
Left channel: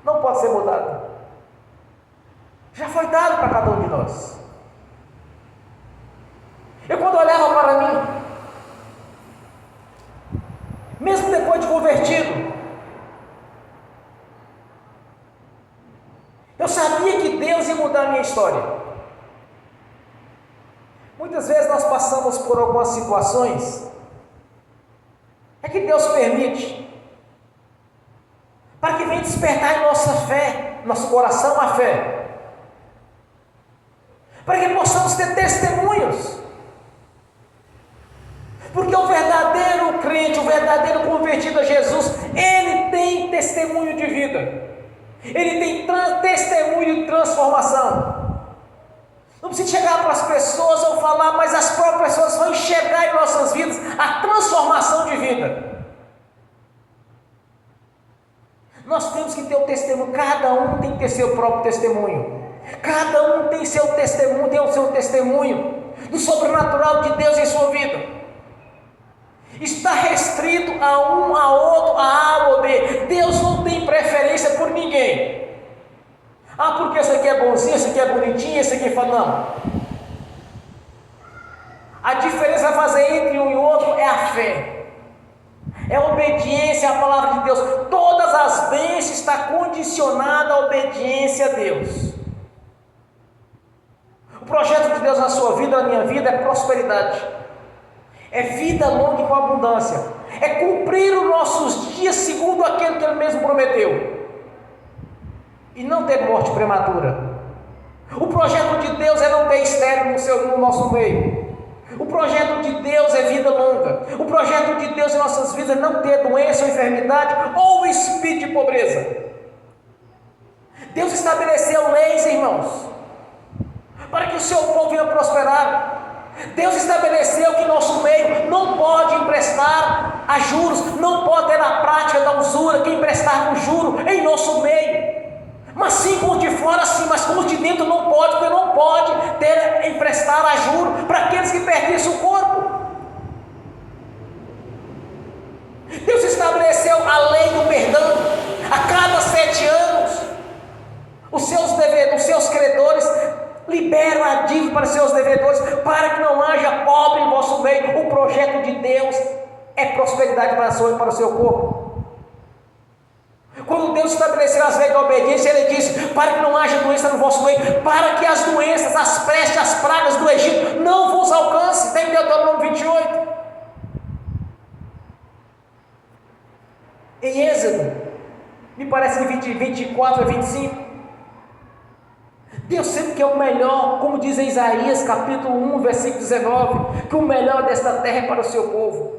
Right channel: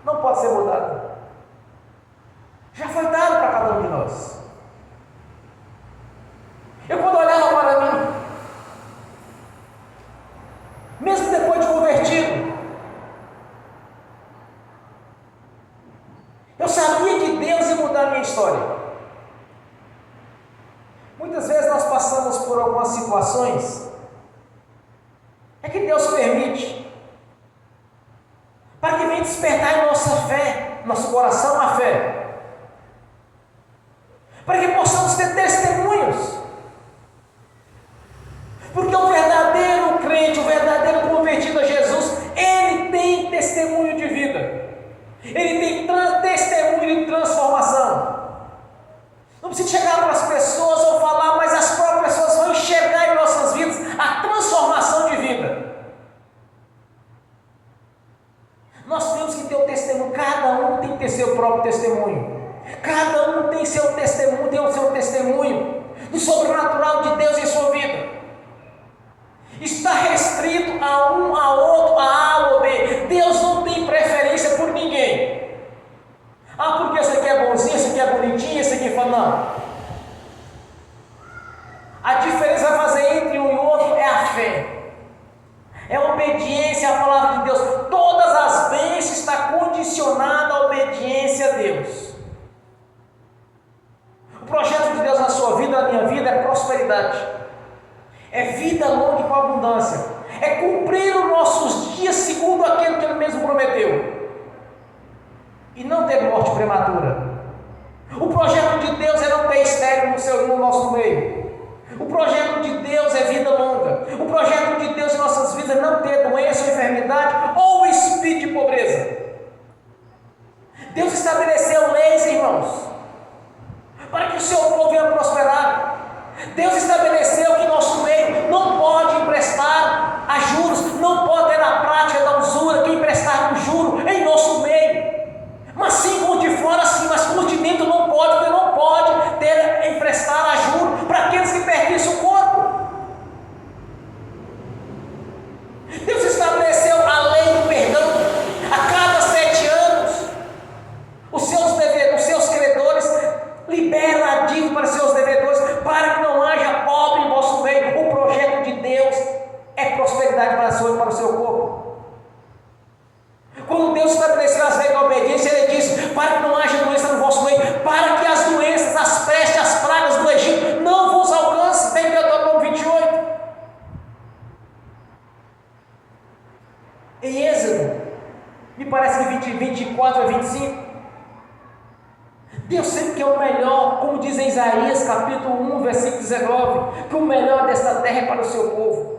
Não pode ser mudado. Já foi dado para cada um de nós. Eu quando olhava para mim, mesmo depois de convertido, eu sabia que Deus ia mudar a minha história. Muitas vezes nós passamos por algumas situações é que Deus permite para que venha despertar em nossa fé, nosso coração a fé, para que possamos ter testemunhos. Porque o verdadeiro crente, o verdadeiro convertido a Jesus, ele tem testemunho de vida. Ele tem testemunho de transformação. Não precisa chegar para as pessoas ou falar, mas as próprias pessoas vão enxergar em nossas vidas a transformação de vida. Nós temos que ter o testemunho. Cada um tem que ter seu próprio testemunho. Cada um tem seu testemunho, tem o seu testemunho do sobrenatural de Deus em sua vida. Está restrito a um, a outro, a A ou B. Deus não tem preferência por ninguém. Ah, porque esse aqui é bonzinho, esse aqui é bonitinho, esse aqui fala, não. A diferença a fazer entre um e outro é a fé. É a obediência à palavra de Deus. Todas as bênçãos estão condicionadas à obediência a Deus. O projeto de Deus na sua vida, na minha vida, é prosperidade. É vida longa e com abundância. É cumprir os nossos dias segundo aquilo que Ele mesmo prometeu. E não ter morte prematura. O projeto de Deus é não ter estéril no nosso meio. O projeto de Deus é vida longa. O projeto de Deus em nossas vidas é não ter doença ou enfermidade ou espírito de pobreza. Deus estabeleceu leis, irmãos, para que o seu povo venha prosperar. Deus estabeleceu que nosso meio não pode emprestar a juros, não pode ter na prática da usura, que emprestar com juro em nosso meio. Mas sim por de fora sim, mas por de dentro não pode, porque não pode ter emprestar a juro para aqueles que pertencem ao corpo. Deus estabeleceu a lei do perdão. A cada 7 anos, os seus credores liberam a dívida para os seus devedores, para que não haja pobre capítulo 1, versículo 19, que o melhor desta terra é para o seu povo.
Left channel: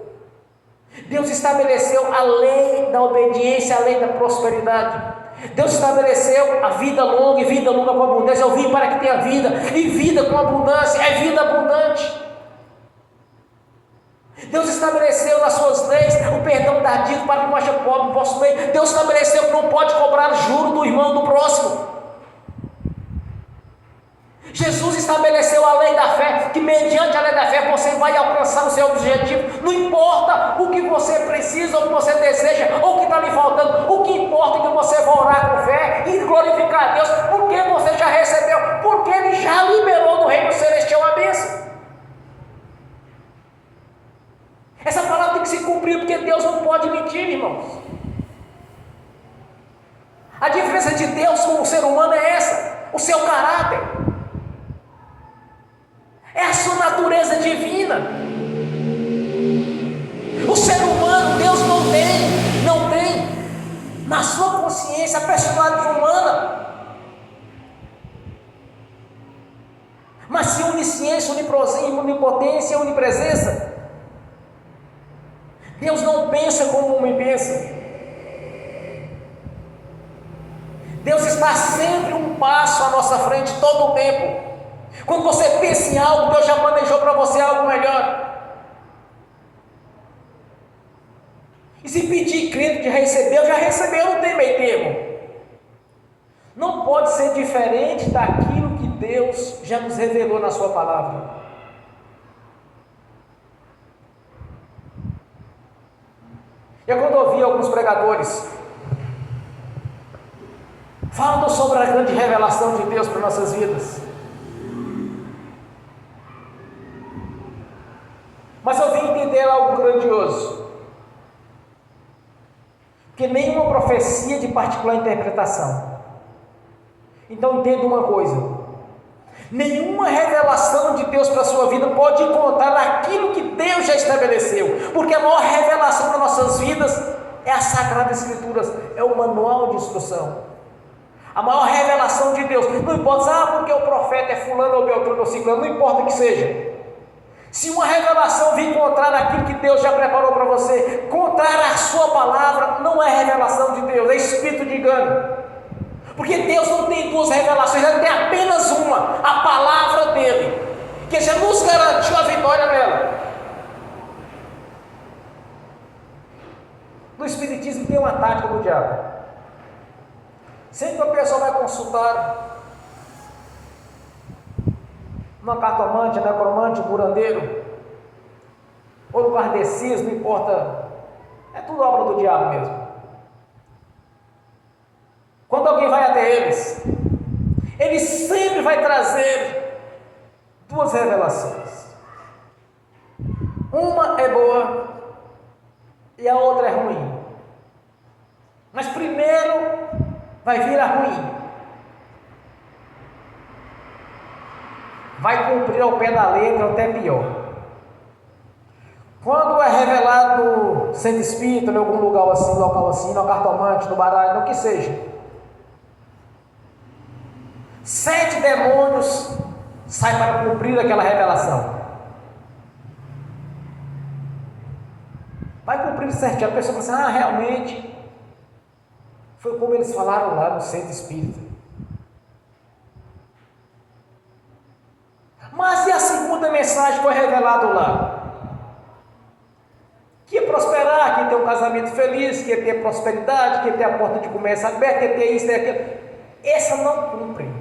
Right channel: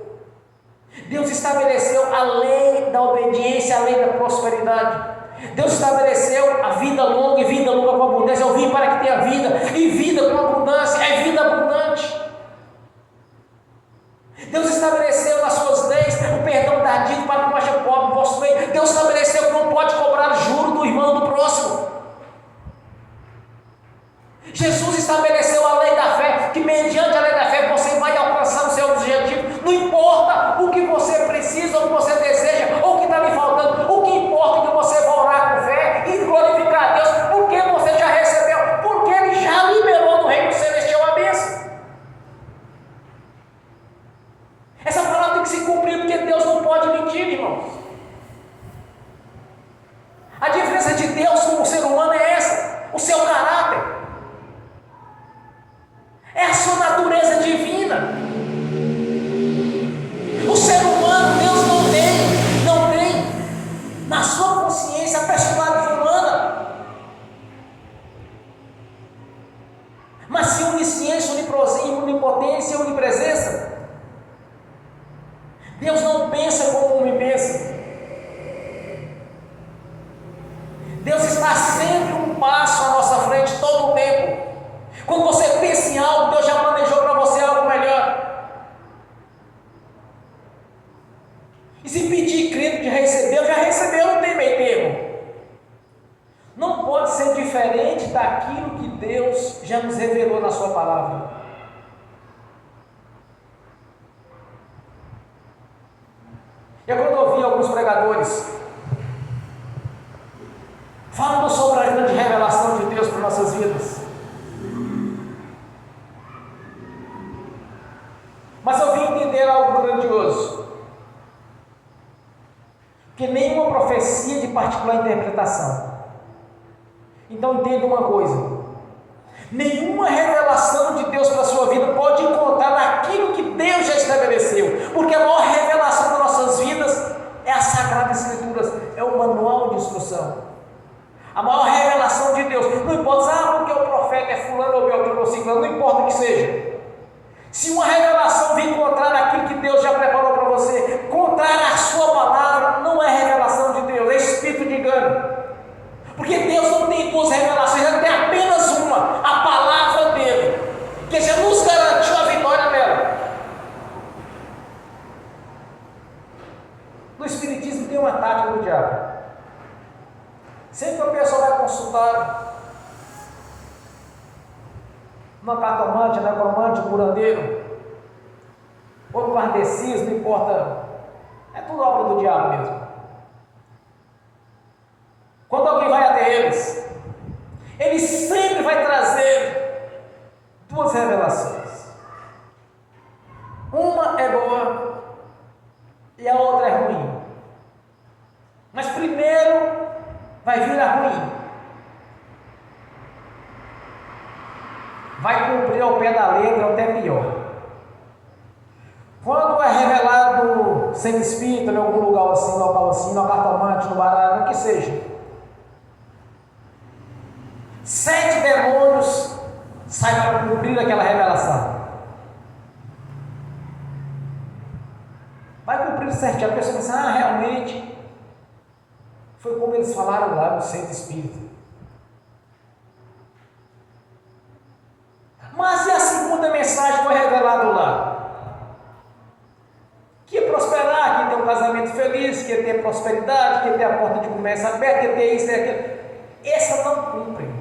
Deus estabeleceu a lei da obediência, a lei da prosperidade. Deus estabeleceu a vida longa e vida longa com abundância. Eu vim para que tenha vida, e vida com abundância, é vida abundante. Deus estabeleceu nas suas leis o perdão tardio para que não haja pobre no vosso meio. Deus estabeleceu que não pode cobrar juro do irmão do próximo. Jesus estabeleceu a lei da fé, que mediante a lei da fé você vai alcançar o seu objetivo. Não importa o que você precisa, ou o que você deseja, ou o que está lhe faltando. O que importa é que você vai orar com fé e glorificar a Deus, porque você já recebeu, porque Ele já liberou no reino celestial a bênção. Essa palavra tem que se cumprir, porque Deus não pode mentir, irmãos. A diferença de Deus com o ser humano é essa: o seu caráter. É a sua natureza divina. O ser humano, Deus não tem na sua consciência a personalidade humana, mas sim onisciência, onipotência e onipresença. Deus não pensa como o homem pensa. Deus está sempre um passo à nossa frente todo o tempo. Quando você pensa em algo, Deus já planejou para você algo melhor. E se pedir crendo que recebeu, já recebeu, não tem meio termo. Não pode ser diferente daquilo que Deus já nos revelou na sua palavra. Eu quando ouvi alguns pregadores falando sobre a grande revelação de Deus para nossas vidas, mas eu vim entender algo grandioso, que nenhuma profecia de particular interpretação. Então entenda uma coisa: nenhuma revelação de Deus para a sua vida pode encontrar naquilo que Deus já estabeleceu, porque a maior revelação das nossas vidas é a Sagrada Escritura, é o manual de instrução. A maior revelação de Deus, não importa, porque o profeta é fulano ou beltrano ou ciclano, não importa o que seja. Se uma revelação vir contrária àquilo que Deus já preparou para você, contrária à sua palavra, não é revelação de Deus, é espírito de engano. Porque Deus não tem duas revelações, Ele tem apenas uma, a palavra dele, que já nos garantiu a vitória nela. No Espiritismo tem uma tática do diabo. Sempre que a pessoa vai consultar uma cartomante, necromante, curandeiro, ou kardecista, não importa, é tudo obra do diabo mesmo. Quando alguém vai até eles, ele sempre vai trazer duas revelações. Uma é boa e a outra é ruim. Mas primeiro vai vir a ruim. Vai cumprir ao pé da letra, até pior. Quando é revelado sendo espírita em algum lugar assim, local assim, no cartomante, no baralho, no que seja, 7 demônios saem para cumprir aquela revelação. Vai cumprir certinho. A pessoa pensa, realmente foi como eles falaram lá no centro espírita. Mas e a segunda mensagem foi revelada lá? Que ia prosperar, que ia ter um casamento feliz, que ia ter prosperidade, que ia ter a porta de comércio aberta, que ia ter isso e aquilo. Essa não cumpre.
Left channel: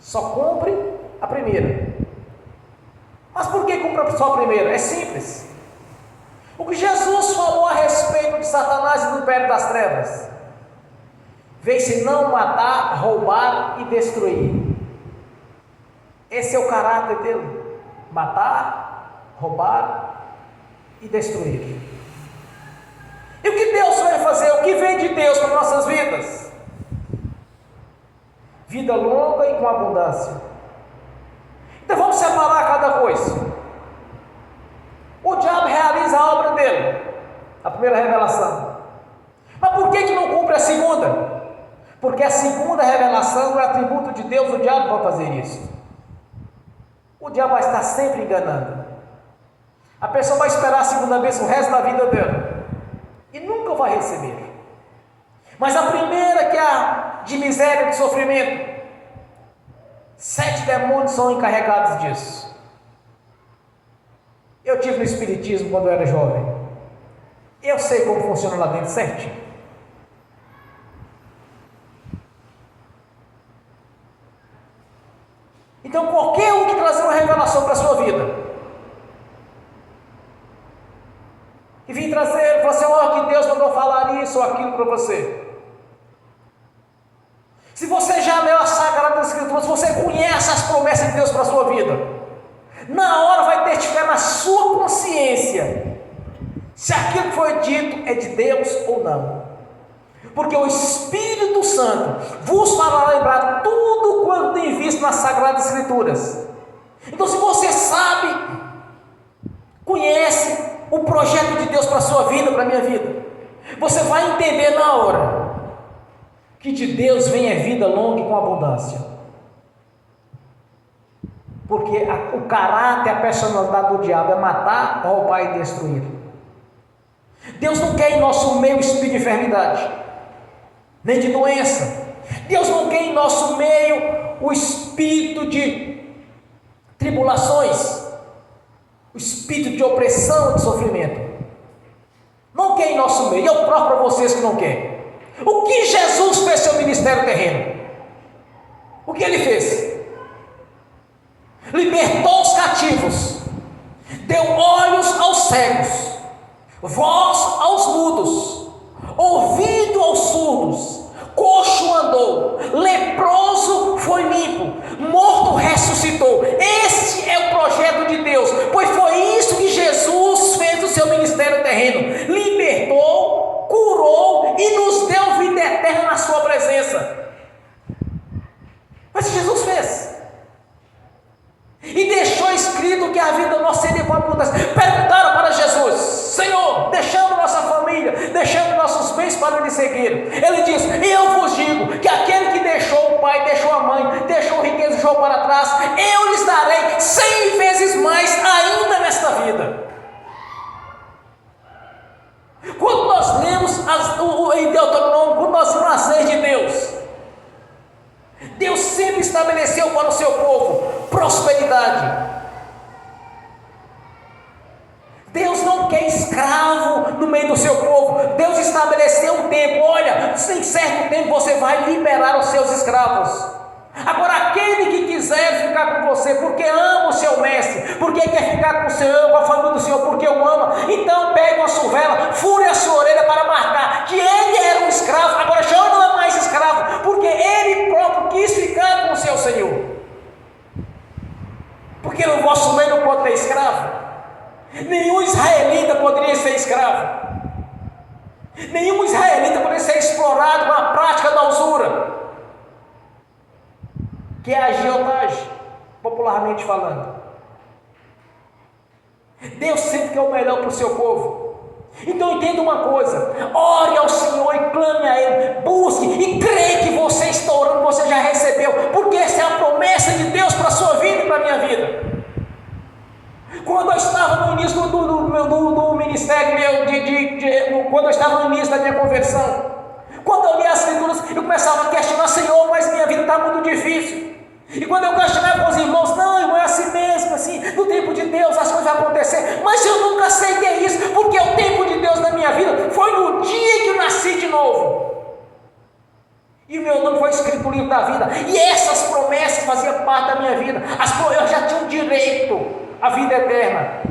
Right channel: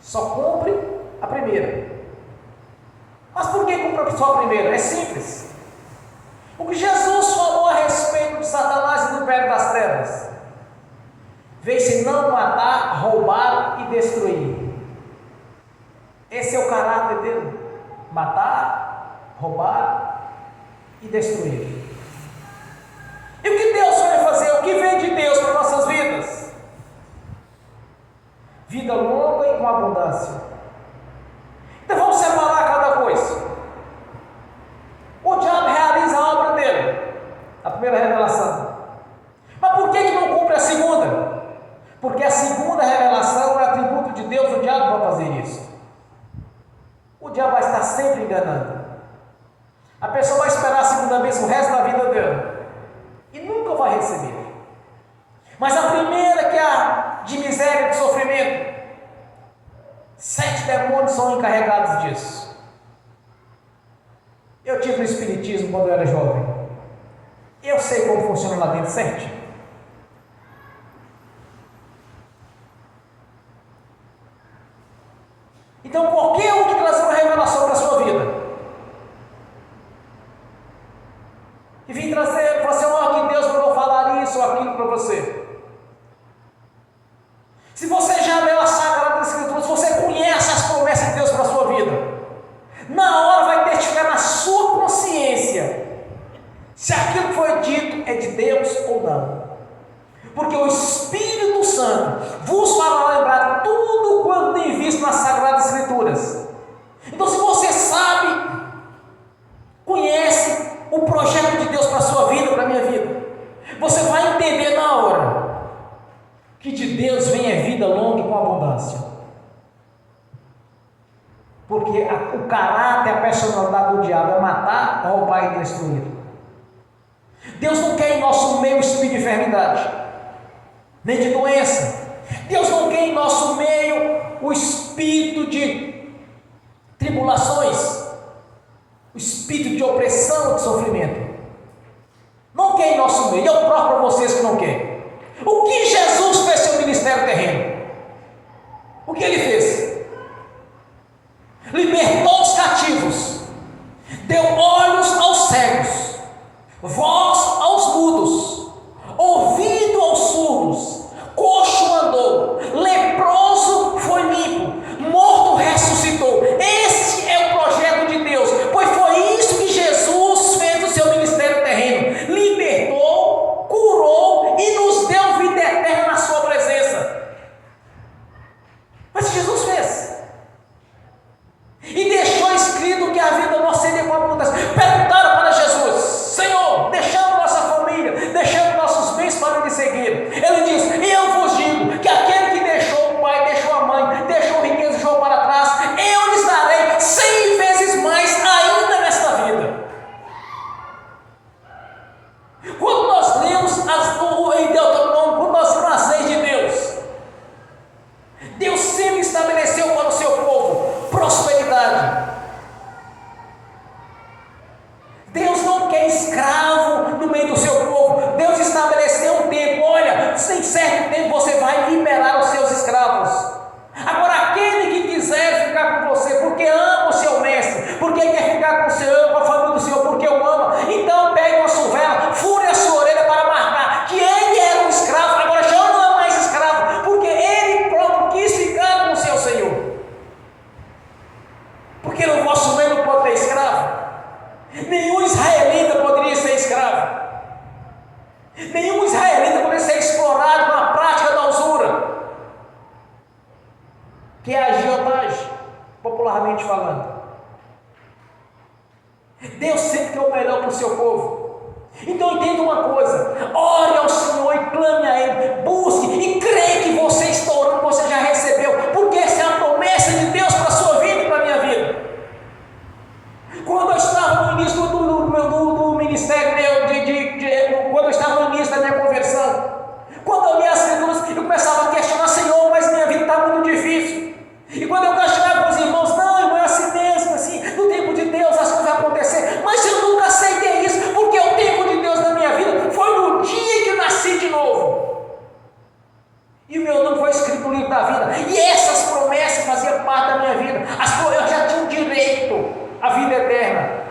Só cumpre a primeira. Mas por que cumpre só a primeira? É simples. O que Jesus falou a respeito de Satanás e do império das trevas: veio senão matar, roubar e destruir. Esse é o caráter dele: matar, roubar e destruir. E o que Deus vai fazer? O que vem de Deus para nossas vidas? Vida longa e com abundância. Então vamos separar cada coisa. O diabo realiza a obra dele, a primeira revelação. Mas por que não cumpre a segunda? Porque a segunda revelação é o atributo de Deus. O diabo vai fazer isso. o diabo vai estar sempre enganando. A pessoa vai esperar a segunda bênção o resto da vida dela e nunca vai receber. Mas a primeira, que é a de miséria, de sofrimento, 7 demônios são encarregados disso. Eu tive no espiritismo quando eu era jovem. Eu sei como funciona lá dentro certinho. Então, qualquer um que trazer uma revelação para a sua vida e vir trazer para você, que Deus mandou falar isso ou aquilo para você. Se você já leu a Sagrada Escritura, se você conhece as promessas de Deus para a sua vida, na hora vai testificar na sua consciência se aquilo que foi dito é de Deus ou não. Porque o Espírito Santo vos fará lembrar tudo quanto tem visto nas Sagradas Escrituras. Então, se você sabe, conhece o projeto de Deus para a sua vida, para a minha vida, você vai entender na hora que de Deus vem a vida longa e com abundância. Porque o caráter, a personalidade do diabo é matar, roubar e destruir. Deus não quer em nosso meio espírito de enfermidade, nem de doença. Deus não quer em nosso meio o espírito de tribulações, o espírito de opressão, de sofrimento. Não quer em nosso meio. Eu provo para vocês que não quer. O que Jesus fez seu ministério terreno? O que ele fez? Libertou os cativos, deu olhos aos cegos, voz aos mudos, ouvido aos surdos, coxo andou, leproso foi limpo, morto ressuscitou. Esse é o projeto de Deus, pois foi isso que Jesus fez no seu ministério terreno. Libertou, curou e nos deu vida eterna na sua presença. Foi isso que Jesus fez. E deixou escrito que a vida nossa seria com abundância. Perguntaram para Jesus: Senhor, deixando nossa família, deixando nossos bens para lhe seguir. Ele diz: e eu vos digo que aquele que deixou o pai, deixou a mãe, deixou riqueza e deixou para trás, eu lhes darei 100 vezes mais ainda nesta vida. Quando nós lemos em Deuteronômio, quando nós lemos as leis de Deus, Deus sempre estabeleceu para o seu povo prosperidade. Deus não quer escravo no meio do seu povo. Deus estabeleceu um tempo. Olha, em certo tempo você vai liberar os seus escravos. Agora, aquele que quiser ficar com você porque ama o seu mestre, porque quer ficar com o Senhor, com a família do Senhor, porque o ama, então pega uma suvela, fure a sua orelha para marcar que ele era um escravo, agora já não é mais escravo, porque ele próprio quis ficar com o seu Senhor. Porque no vosso meio não pode ter escravo. Nenhum israelita poderia ser escravo. Nenhum israelita poderia ser explorado na prática da usura, que é a agiotagem, popularmente falando. Deus sempre quer o melhor para o seu povo. Então entenda uma coisa: ore ao Senhor e clame a Ele, busque e creia que você está orando, você já recebeu, porque essa é a promessa de Deus para a sua vida e para a minha vida. Quando eu estava no início do ministério meu, quando eu estava no início da minha conversão, quando eu lia as Escrituras, eu começava a questionar: Senhor, mas minha vida está muito difícil. E quando eu questionava com os irmãos: não, irmão, é assim mesmo, assim, no tempo de Deus as coisas vão acontecer. Mas eu nunca aceitei isso, porque o tempo de Deus na minha vida foi no dia que eu nasci de novo. E o meu nome foi escrito no livro da vida. E essas promessas faziam parte da minha vida. Eu já tinha um direito à vida eterna.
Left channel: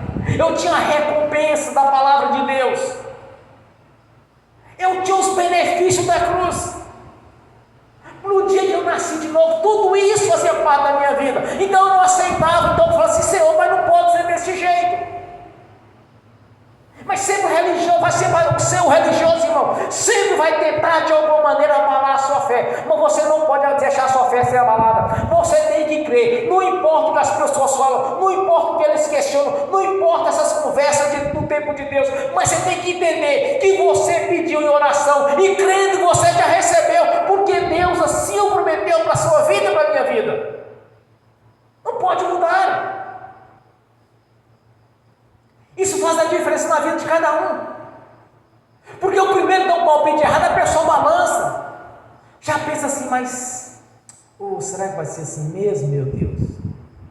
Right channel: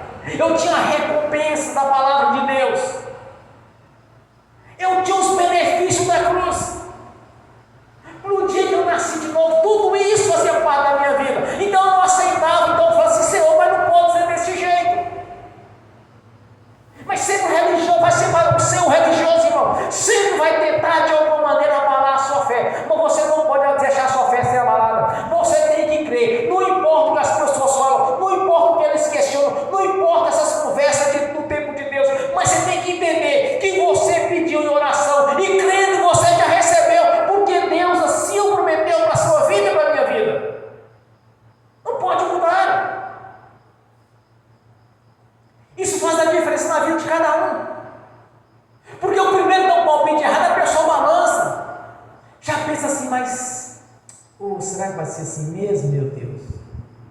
será que vai ser assim mesmo, meu Deus?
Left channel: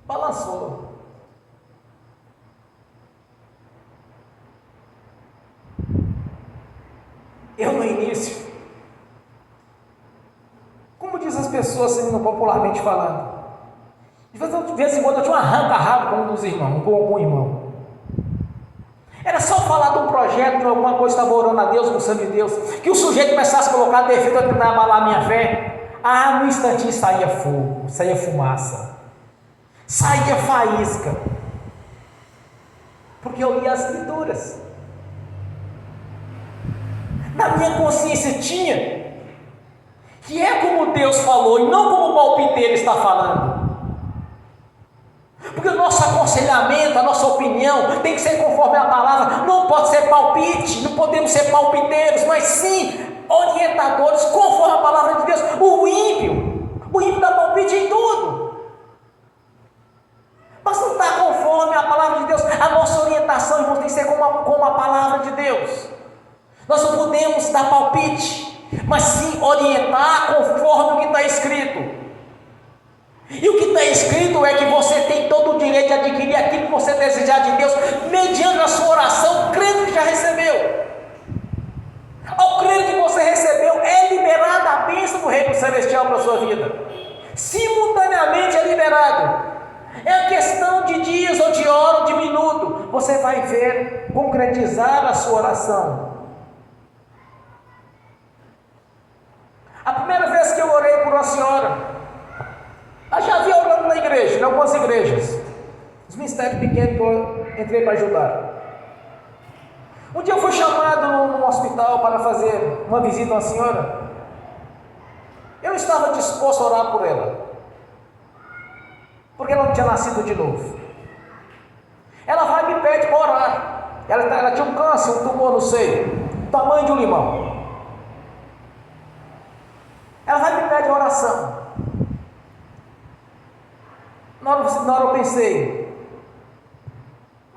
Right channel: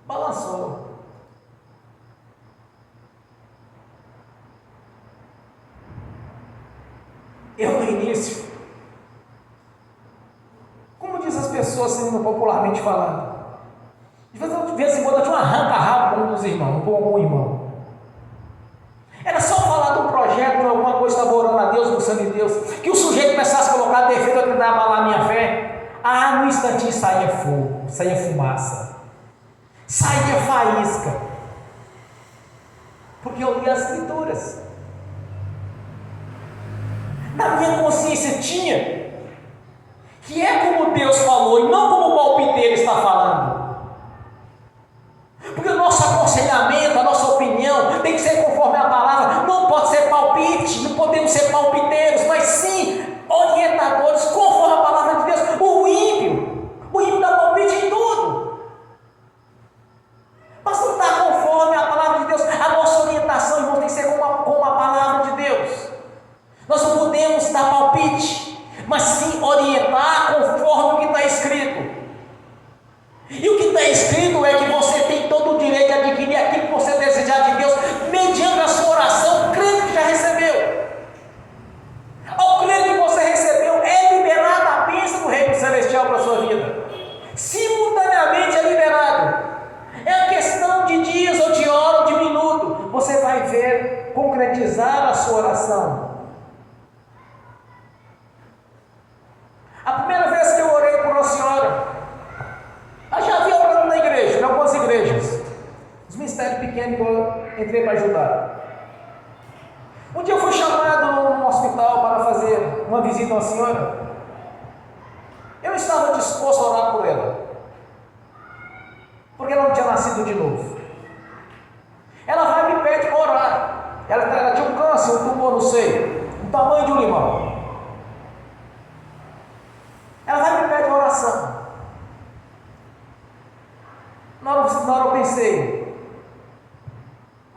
Balançou. Eu no início, como diz as pessoas, sendo popularmente falando, de vez em quando eu tinha um arranca-rabo com um dos irmãos, com algum irmão. Era só falar de um projeto, de alguma coisa, estava orando a Deus, pensando em Deus, que o sujeito começasse a colocar defeito para tentar abalar a minha fé. Ah, no instantinho saía fogo, saía fumaça, saía faísca, porque eu li as Escrituras. Na minha consciência tinha que é como Deus falou e não como o palpiteiro está falando. Porque o nosso aconselhamento, a nossa opinião tem que ser conforme a palavra, não pode ser palpite, não podemos ser palpiteiros, mas sim orientadores conforme a palavra de Deus. O ímpio dá palpite em tudo, mas não está conforme a palavra de Deus. A nossa orientação, irmão, tem que ser como a palavra de Deus. Nós não podemos dar palpite, mas sim orientar conforme o que está escrito. E o que está escrito é que você tem todo o direito de adquirir aquilo que você desejar de Deus, mediante a sua oração, crendo que já recebeu. Ao crer que você recebeu, é liberada a bênção do Reino Celestial para a sua vida. Simultaneamente é liberado. É uma questão de dias, ou de hora, ou de minuto. Você vai ver concretizar a sua oração. A primeira vez que eu orei por uma senhora, eu já havia orando na igreja, em algumas igrejas, os ministérios pequenos que eu entrei para ajudar. Um dia eu fui chamado num hospital para fazer uma visita a uma senhora. Eu não estava disposto a orar por ela, porque ela não tinha nascido de novo. Ela vai e me pede para orar. Ela tinha um câncer, um tumor no seio, do tamanho de um limão. Ela vai e me pede oração. Na hora eu pensei,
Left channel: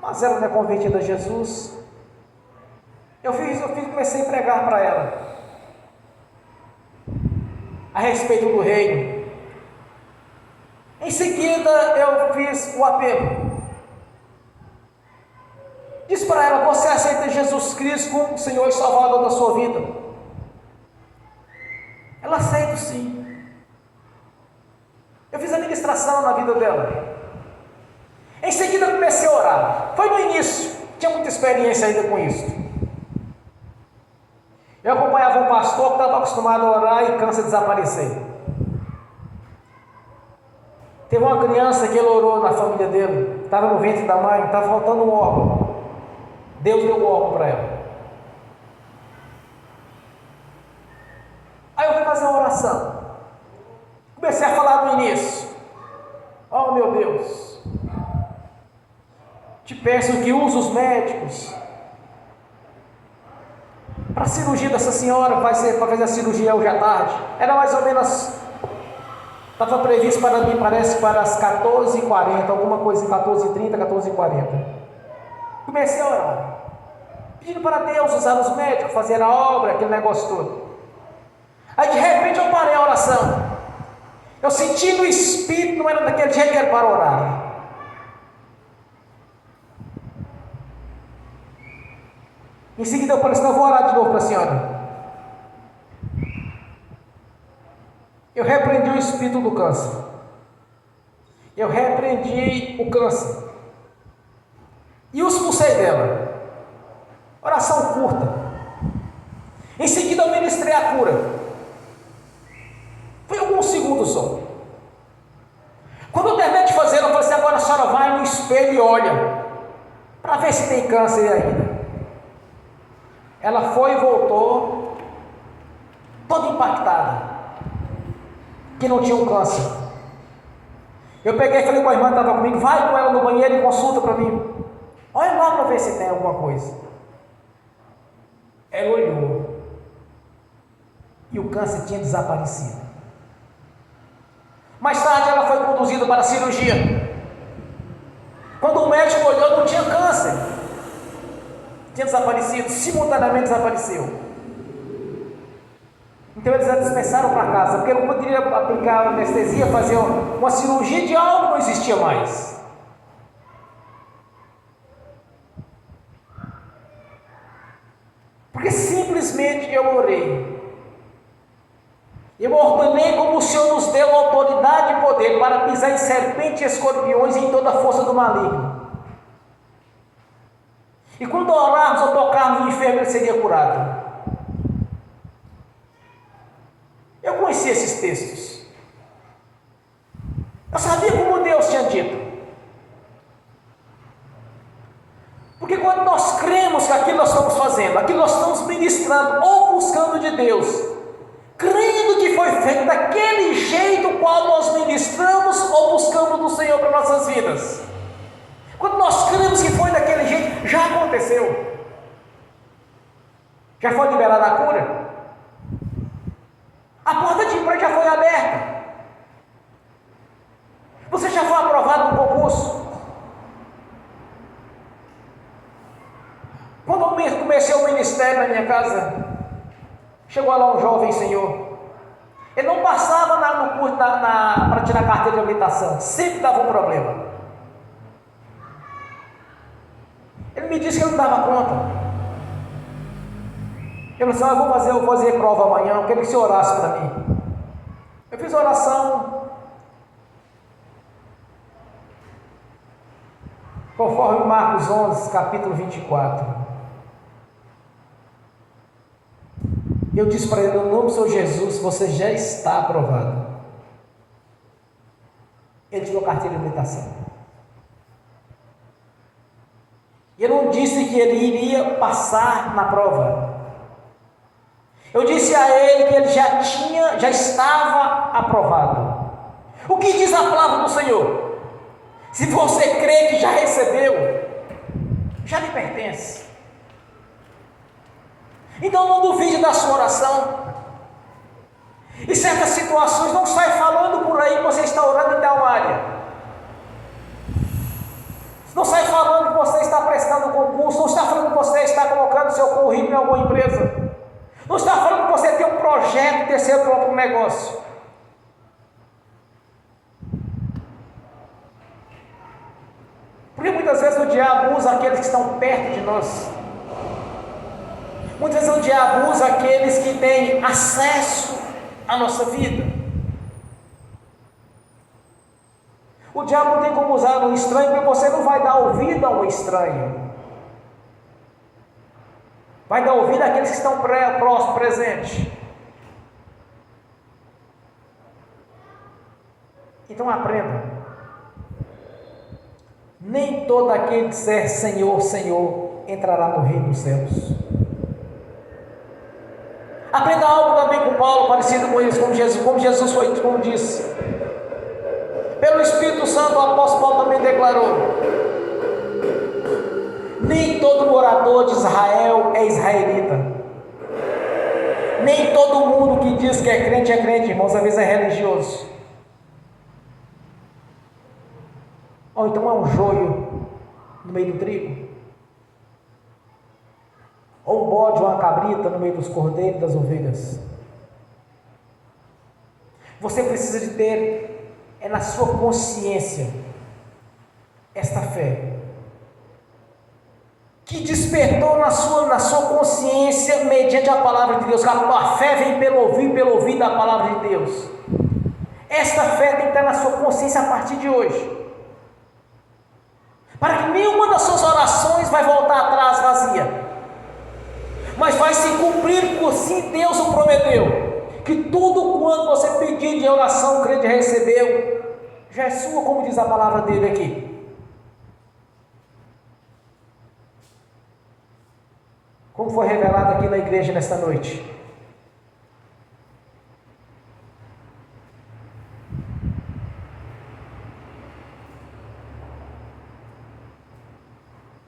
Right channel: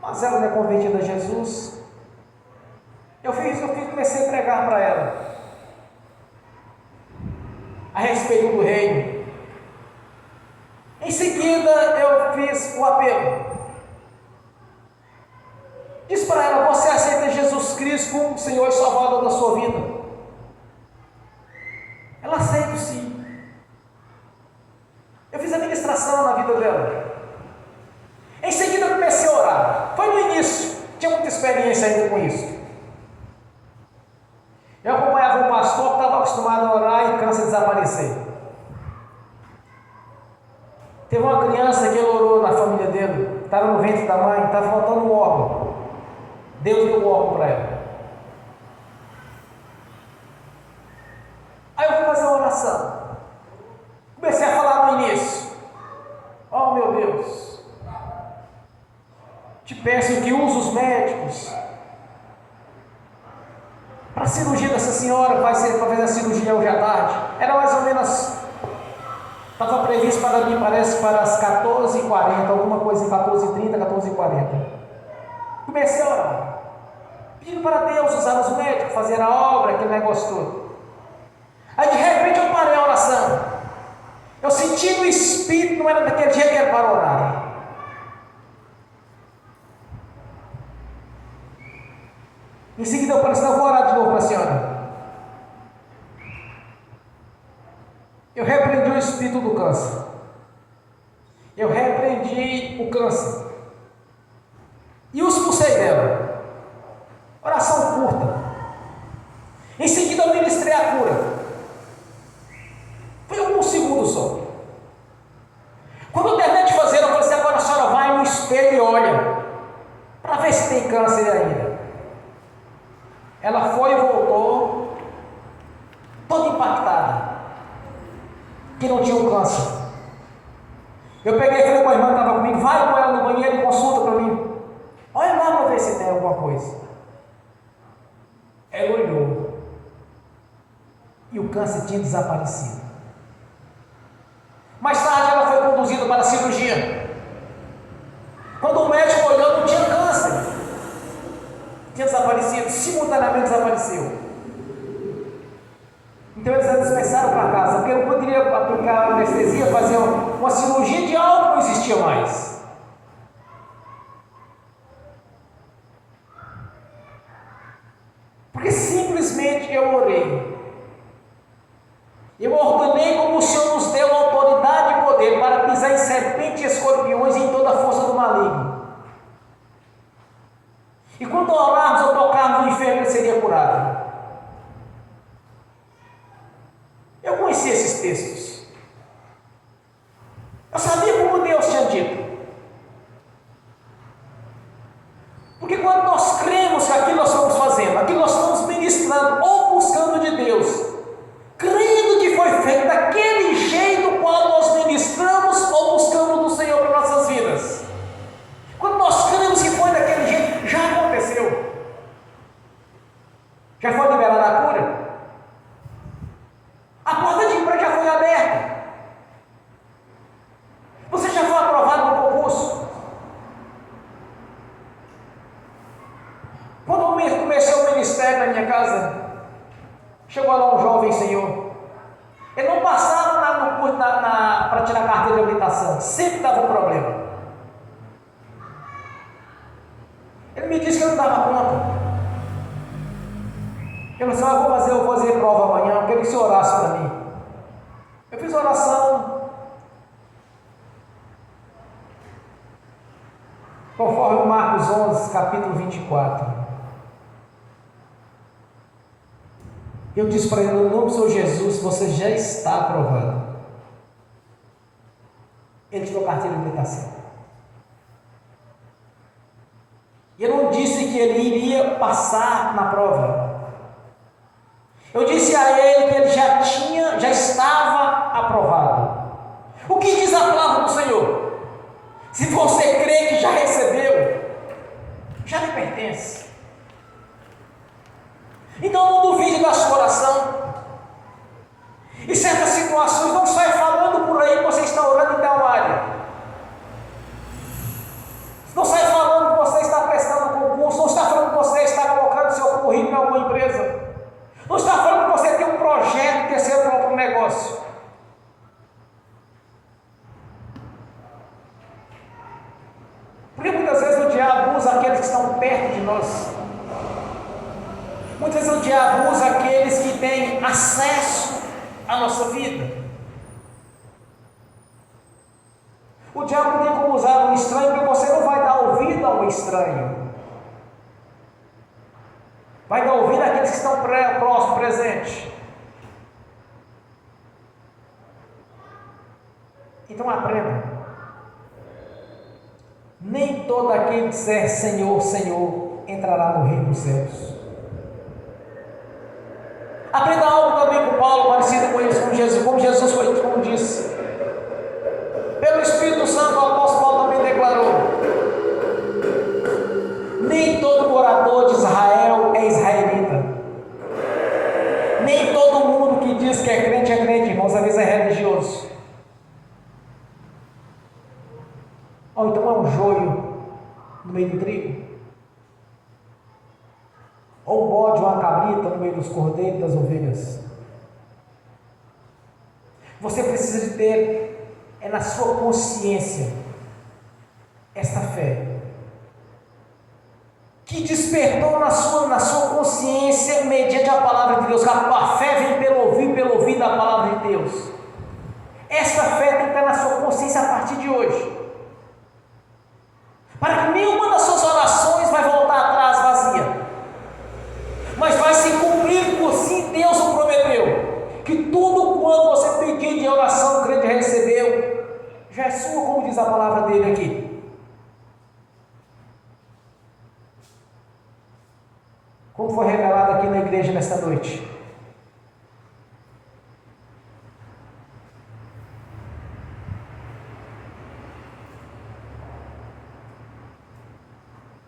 mas ela não é convertida a Jesus. Eu comecei a pregar para ela a respeito do reino. Em seguida eu fiz o apelo. Disse para ela: você aceita Jesus Cristo como Senhor e Salvador da sua vida? Ela aceita, sim. Eu fiz a ministração na vida dela. Em seguida eu comecei a orar. Foi no início, tinha muita experiência ainda com isso. Eu acompanhava um pastor que estava acostumado a orar e cansa de desaparecer. Teve uma criança que ele orou na família dele, estava no ventre da mãe, estava faltando um órgão. Deus deu o órgão para ela. Aí eu fui fazer uma oração. Comecei a falar no início: oh meu Deus, te peço que use os médicos para a cirurgia dessa senhora. Vai ser para fazer a cirurgia hoje à tarde. Era mais ou menos, estava previsto para mim, parece para as 14h40, alguma coisa, 14h30, 14h40. Comecei a orar, pedindo para Deus usar os médicos, fazer a obra, aquele negócio todo. Aí de repente eu parei a oração. Eu senti no Espírito, não era daquele jeito que era para orar. Em seguida eu falei assim: eu vou orar de novo para a senhora. Eu repreendi o espírito do câncer. Eu repreendi o câncer. E o expulsei dela. Oração curta. Em seguida eu ministrei a cura. Foi alguns segundos só. Quando eu terminei de fazer, eu falei assim: agora a senhora vai no espelho e olha, para ver se tem câncer ainda. Ela foi e voltou, toda impactada, que não tinha um câncer. Eu peguei e falei com a irmã que estava comigo: vai com ela no banheiro e consulta para mim. Olha lá para ver se tem alguma coisa. Ela olhou e o câncer tinha desaparecido. Mais tarde ela foi conduzida para a cirurgia. Quando o médico olhou, não tinha câncer, tinha desaparecido, simultaneamente desapareceu. Então eles dispensaram para casa. porque não poderia aplicar anestesia, fazer uma cirurgia de algo que não existia mais. Porque simplesmente eu orei. Eu ordenei como o Senhor nos deu autoridade e poder para pisar em serpentes e escorpiões e em toda a força do maligno. E quando orarmos ou tocarmos no enfermo, ele seria curado. Eu conhecia esses textos. Eu sabia como Deus tinha dito. Porque quando nós cremos que aquilo nós estamos fazendo, aquilo nós estamos ministrando ou buscando de Deus, crendo que foi feito daquele jeito qual nós ministramos ou buscamos do Senhor para nossas vidas. Quando nós cremos que foi daquele jeito, já aconteceu. Já foi liberada a cura. A porta de emprego já foi aberta. Você já foi aprovado no concurso. Quando eu comecei o ministério na minha casa, chegou lá um jovem senhor. Ele não passava no curso para tirar a carteira de habilitação. Sempre dava um problema. Ele me disse que eu não dava conta. Eu disse, eu vou fazer prova amanhã, eu queria que você orasse para mim. Eu fiz oração, conforme Marcos 11, capítulo 24. Eu disse para ele, no nome do Senhor Jesus, você já está aprovado. Ele tirou carteira de habilitação. E eu não disse que ele iria passar na prova. Eu disse a ele que ele já estava aprovado. O que diz a palavra do Senhor? Se você crê que já recebeu, já lhe pertence. Então não duvide da sua oração. Em certas situações não sai falando por aí que você está orando em tal área. Não sai falando que você está prestando concurso, não está falando que você está colocando seu currículo em alguma empresa. Não está falando que você tem um projeto de ter seu próprio negócio. Porque muitas vezes o diabo usa aqueles que estão perto de nós. Muitas vezes o diabo usa aqueles que têm acesso à nossa vida. O diabo não tem como usar um estranho, porque você não vai dar ouvido ao estranho. Vai dar ouvido àqueles que estão próximos, presentes. Então aprenda. Nem todo aquele que disser Senhor, Senhor, entrará no reino dos céus. Aprenda algo também com Paulo, parecido com isso, como Jesus foi, como disse. Pelo Espírito Santo, o apóstolo Paulo também declarou: nem todo morador de Israel é israelita. Nem todo mundo que diz que é crente, irmãos, às vezes é religioso. Ou então é um joio no meio do trigo. Ou um bode, ou uma cabrita no meio dos cordeiros e das ovelhas. Você precisa de ter na sua consciência esta fé que despertou na sua consciência mediante a palavra de Deus. A fé vem pelo ouvir da palavra de Deus. Esta fé tem que estar na sua consciência a partir de hoje, para que nenhuma das suas orações vai voltar atrás vazia, mas vai se cumprir por si. Deus o prometeu, que tudo quanto você pedir de oração, crente recebeu, já é sua, como diz a palavra dele aqui. Como foi revelado aqui na igreja nesta noite.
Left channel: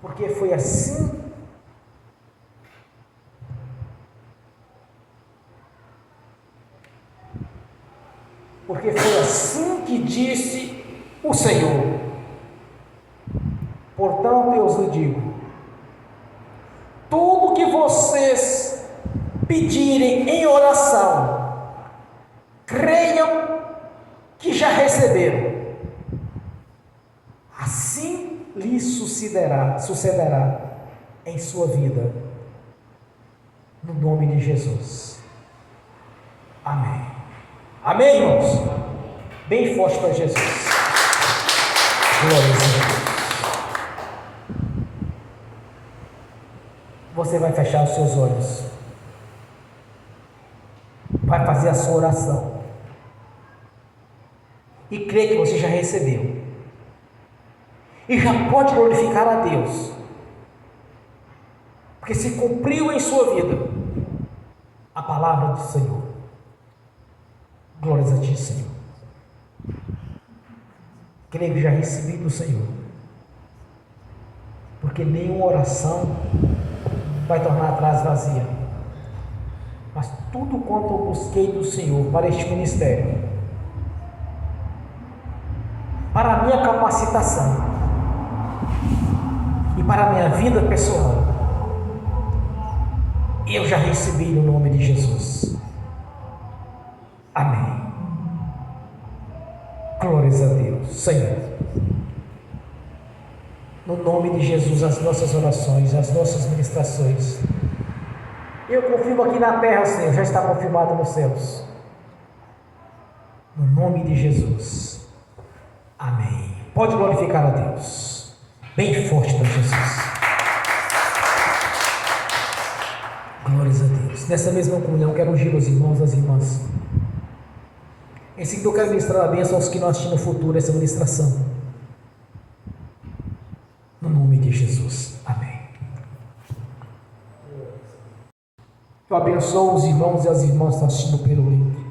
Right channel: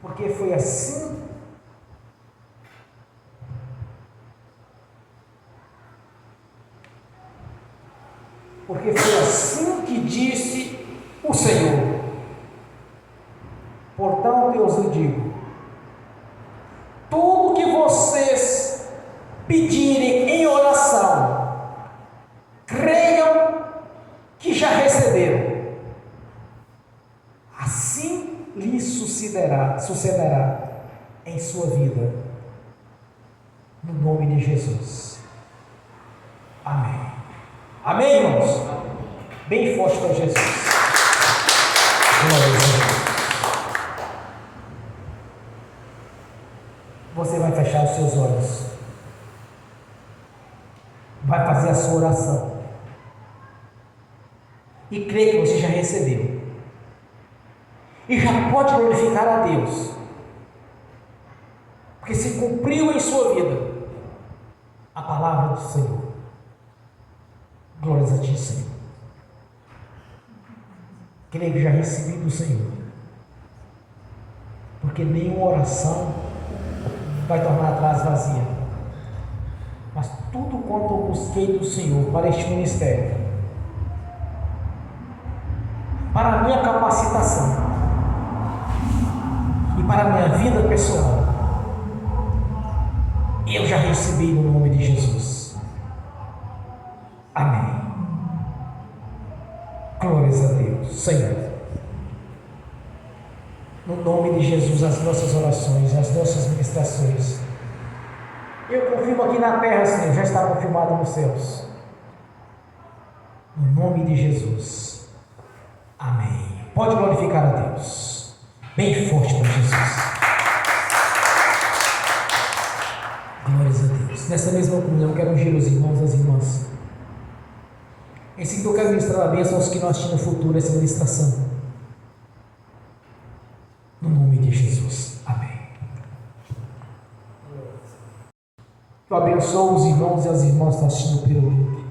Porque foi assim que disse o Senhor. Portanto, eu vos digo: tudo que vocês pedirem em oração, creia assim lhe sucederá em sua vida, no nome de Jesus. Amém. Amém, irmãos? Bem forte para Jesus. Glória a Deus. Você vai fechar os seus olhos, vai fazer a sua oração e crer que você já recebeu e já pode glorificar a Deus, porque se cumpriu em sua vida a palavra do Senhor. Glórias a ti, Senhor. Creio que já recebi do Senhor, porque nenhuma oração vai tornar atrás vazia, mas tudo quanto eu busquei do Senhor para este ministério, para a minha capacitação e para a minha vida pessoal, eu já recebi no nome de Jesus. Amém. Glórias a Deus. Senhor, no nome de Jesus, as nossas orações, as nossas ministrações, eu confirmo aqui na terra, Senhor, já está confirmado nos céus. No nome de Jesus. Amém. Pode glorificar a Deus. Bem forte para Jesus. Glórias a Deus. Nessa mesma comunhão, quero ungir os irmãos e as irmãs. Em seguida, eu quero ministrar a bênção aos que não assistem no futuro essa ministração. No nome de Jesus. Amém. Eu abençoo os irmãos e as irmãs que estão assistindo pelo link.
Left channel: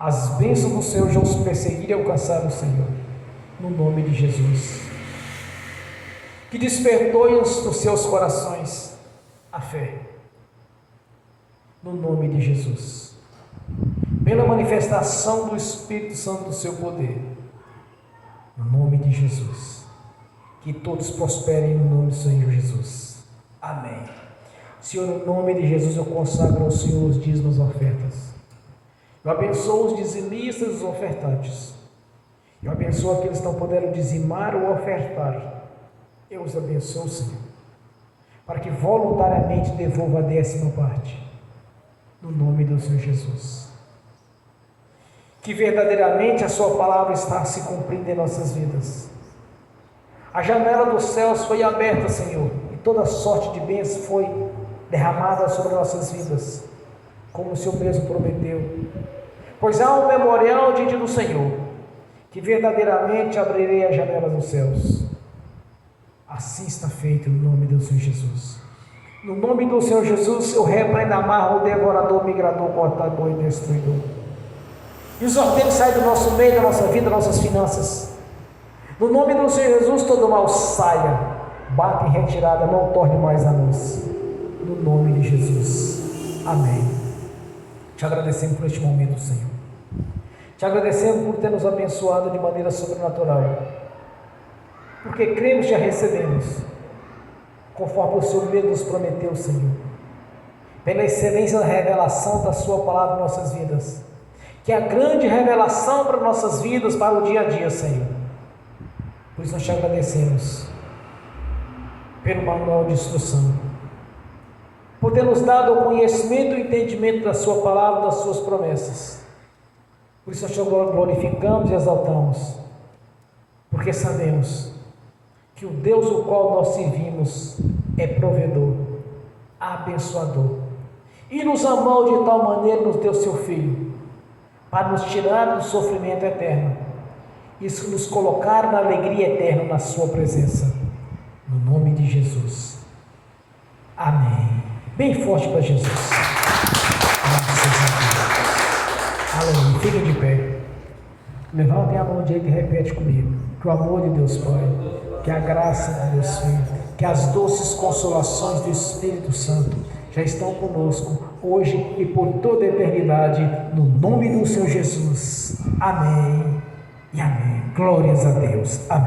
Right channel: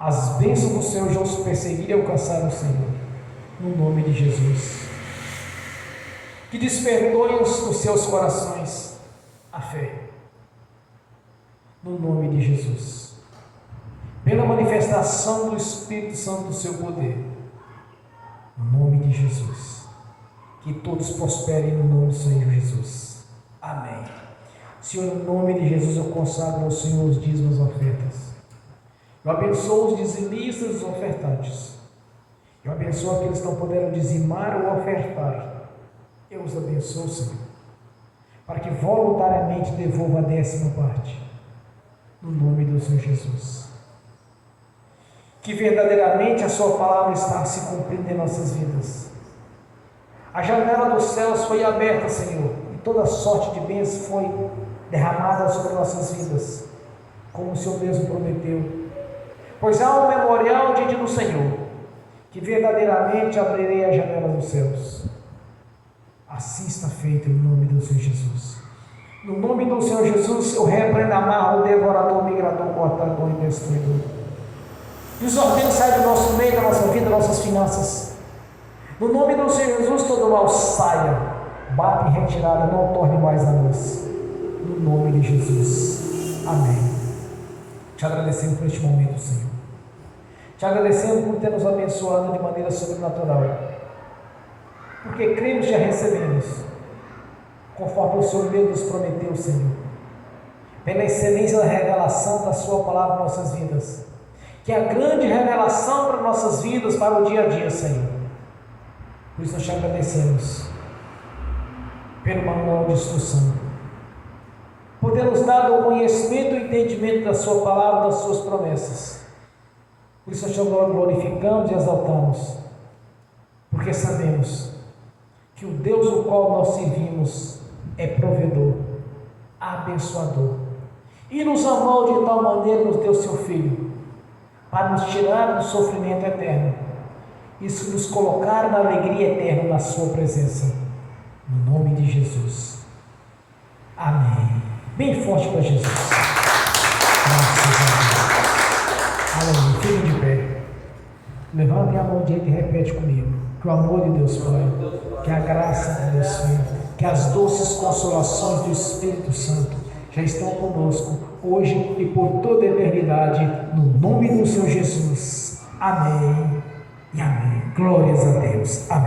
As bênçãos do Senhor já os perseguir e alcançar o Senhor. No nome de Jesus. Que despertou nos seus corações a fé. No nome de Jesus. Pela manifestação do Espírito Santo do seu poder. No nome de Jesus. Que todos prosperem no nome do Senhor Jesus. Amém. Senhor, no nome de Jesus, eu consagro ao Senhor os dízimos e ofertas. Eu abençoo os dizimistas e os ofertantes. Eu abençoo aqueles que não puderam dizimar ou ofertar. Eu os abençoo, Senhor, para que voluntariamente devolva a 10ª parte. No nome do Senhor Jesus. Que verdadeiramente a sua palavra está se cumprindo em nossas vidas. A janela dos céus foi aberta, Senhor, e toda sorte de bênção foi derramada sobre nossas vidas, como o Senhor mesmo prometeu. Pois há um memorial diante do Senhor, que verdadeiramente abrirei a janela dos céus. Assim está feito no nome do Senhor Jesus. No nome do Senhor Jesus, eu repreendo, amarro o devorador, migrador, cortador e destruidor. E os ordens saem do nosso meio, da nossa vida, das nossas finanças. No nome do Senhor Jesus, todo mal saia, bata em retirada, não torne mais a luz. No nome de Jesus. Amém. Te agradecemos por este momento, Senhor. Te agradecemos por ter nos abençoado de maneira sobrenatural. Porque cremos e já recebemos, conforme o Senhor mesmo nos prometeu, Senhor. Pela excelência da revelação da sua palavra em nossas vidas. Que é a grande revelação para nossas vidas, para o dia a dia, Senhor. Por isso nós te agradecemos pelo manual de instrução, por ter nos dado o conhecimento e entendimento da sua palavra, das suas promessas. Por isso nós te glorificamos e exaltamos, porque sabemos que o Deus o qual nós servimos é provedor, abençoador, e nos amou de tal maneira, nos deu seu Filho, para nos tirar do sofrimento eterno e nos colocar na alegria eterna na sua presença. No nome de Jesus. Amém. Bem forte para Jesus. Graças a Deus. Aleluia. Fique de pé. Levantem a mão direita e repete comigo. Que o amor de Deus Pai, que a graça de Deus Filho, que as doces consolações do Espírito Santo já estão conosco hoje e por toda a eternidade, no nome do Senhor Jesus. Amém e amém. Glórias a Deus. Amém.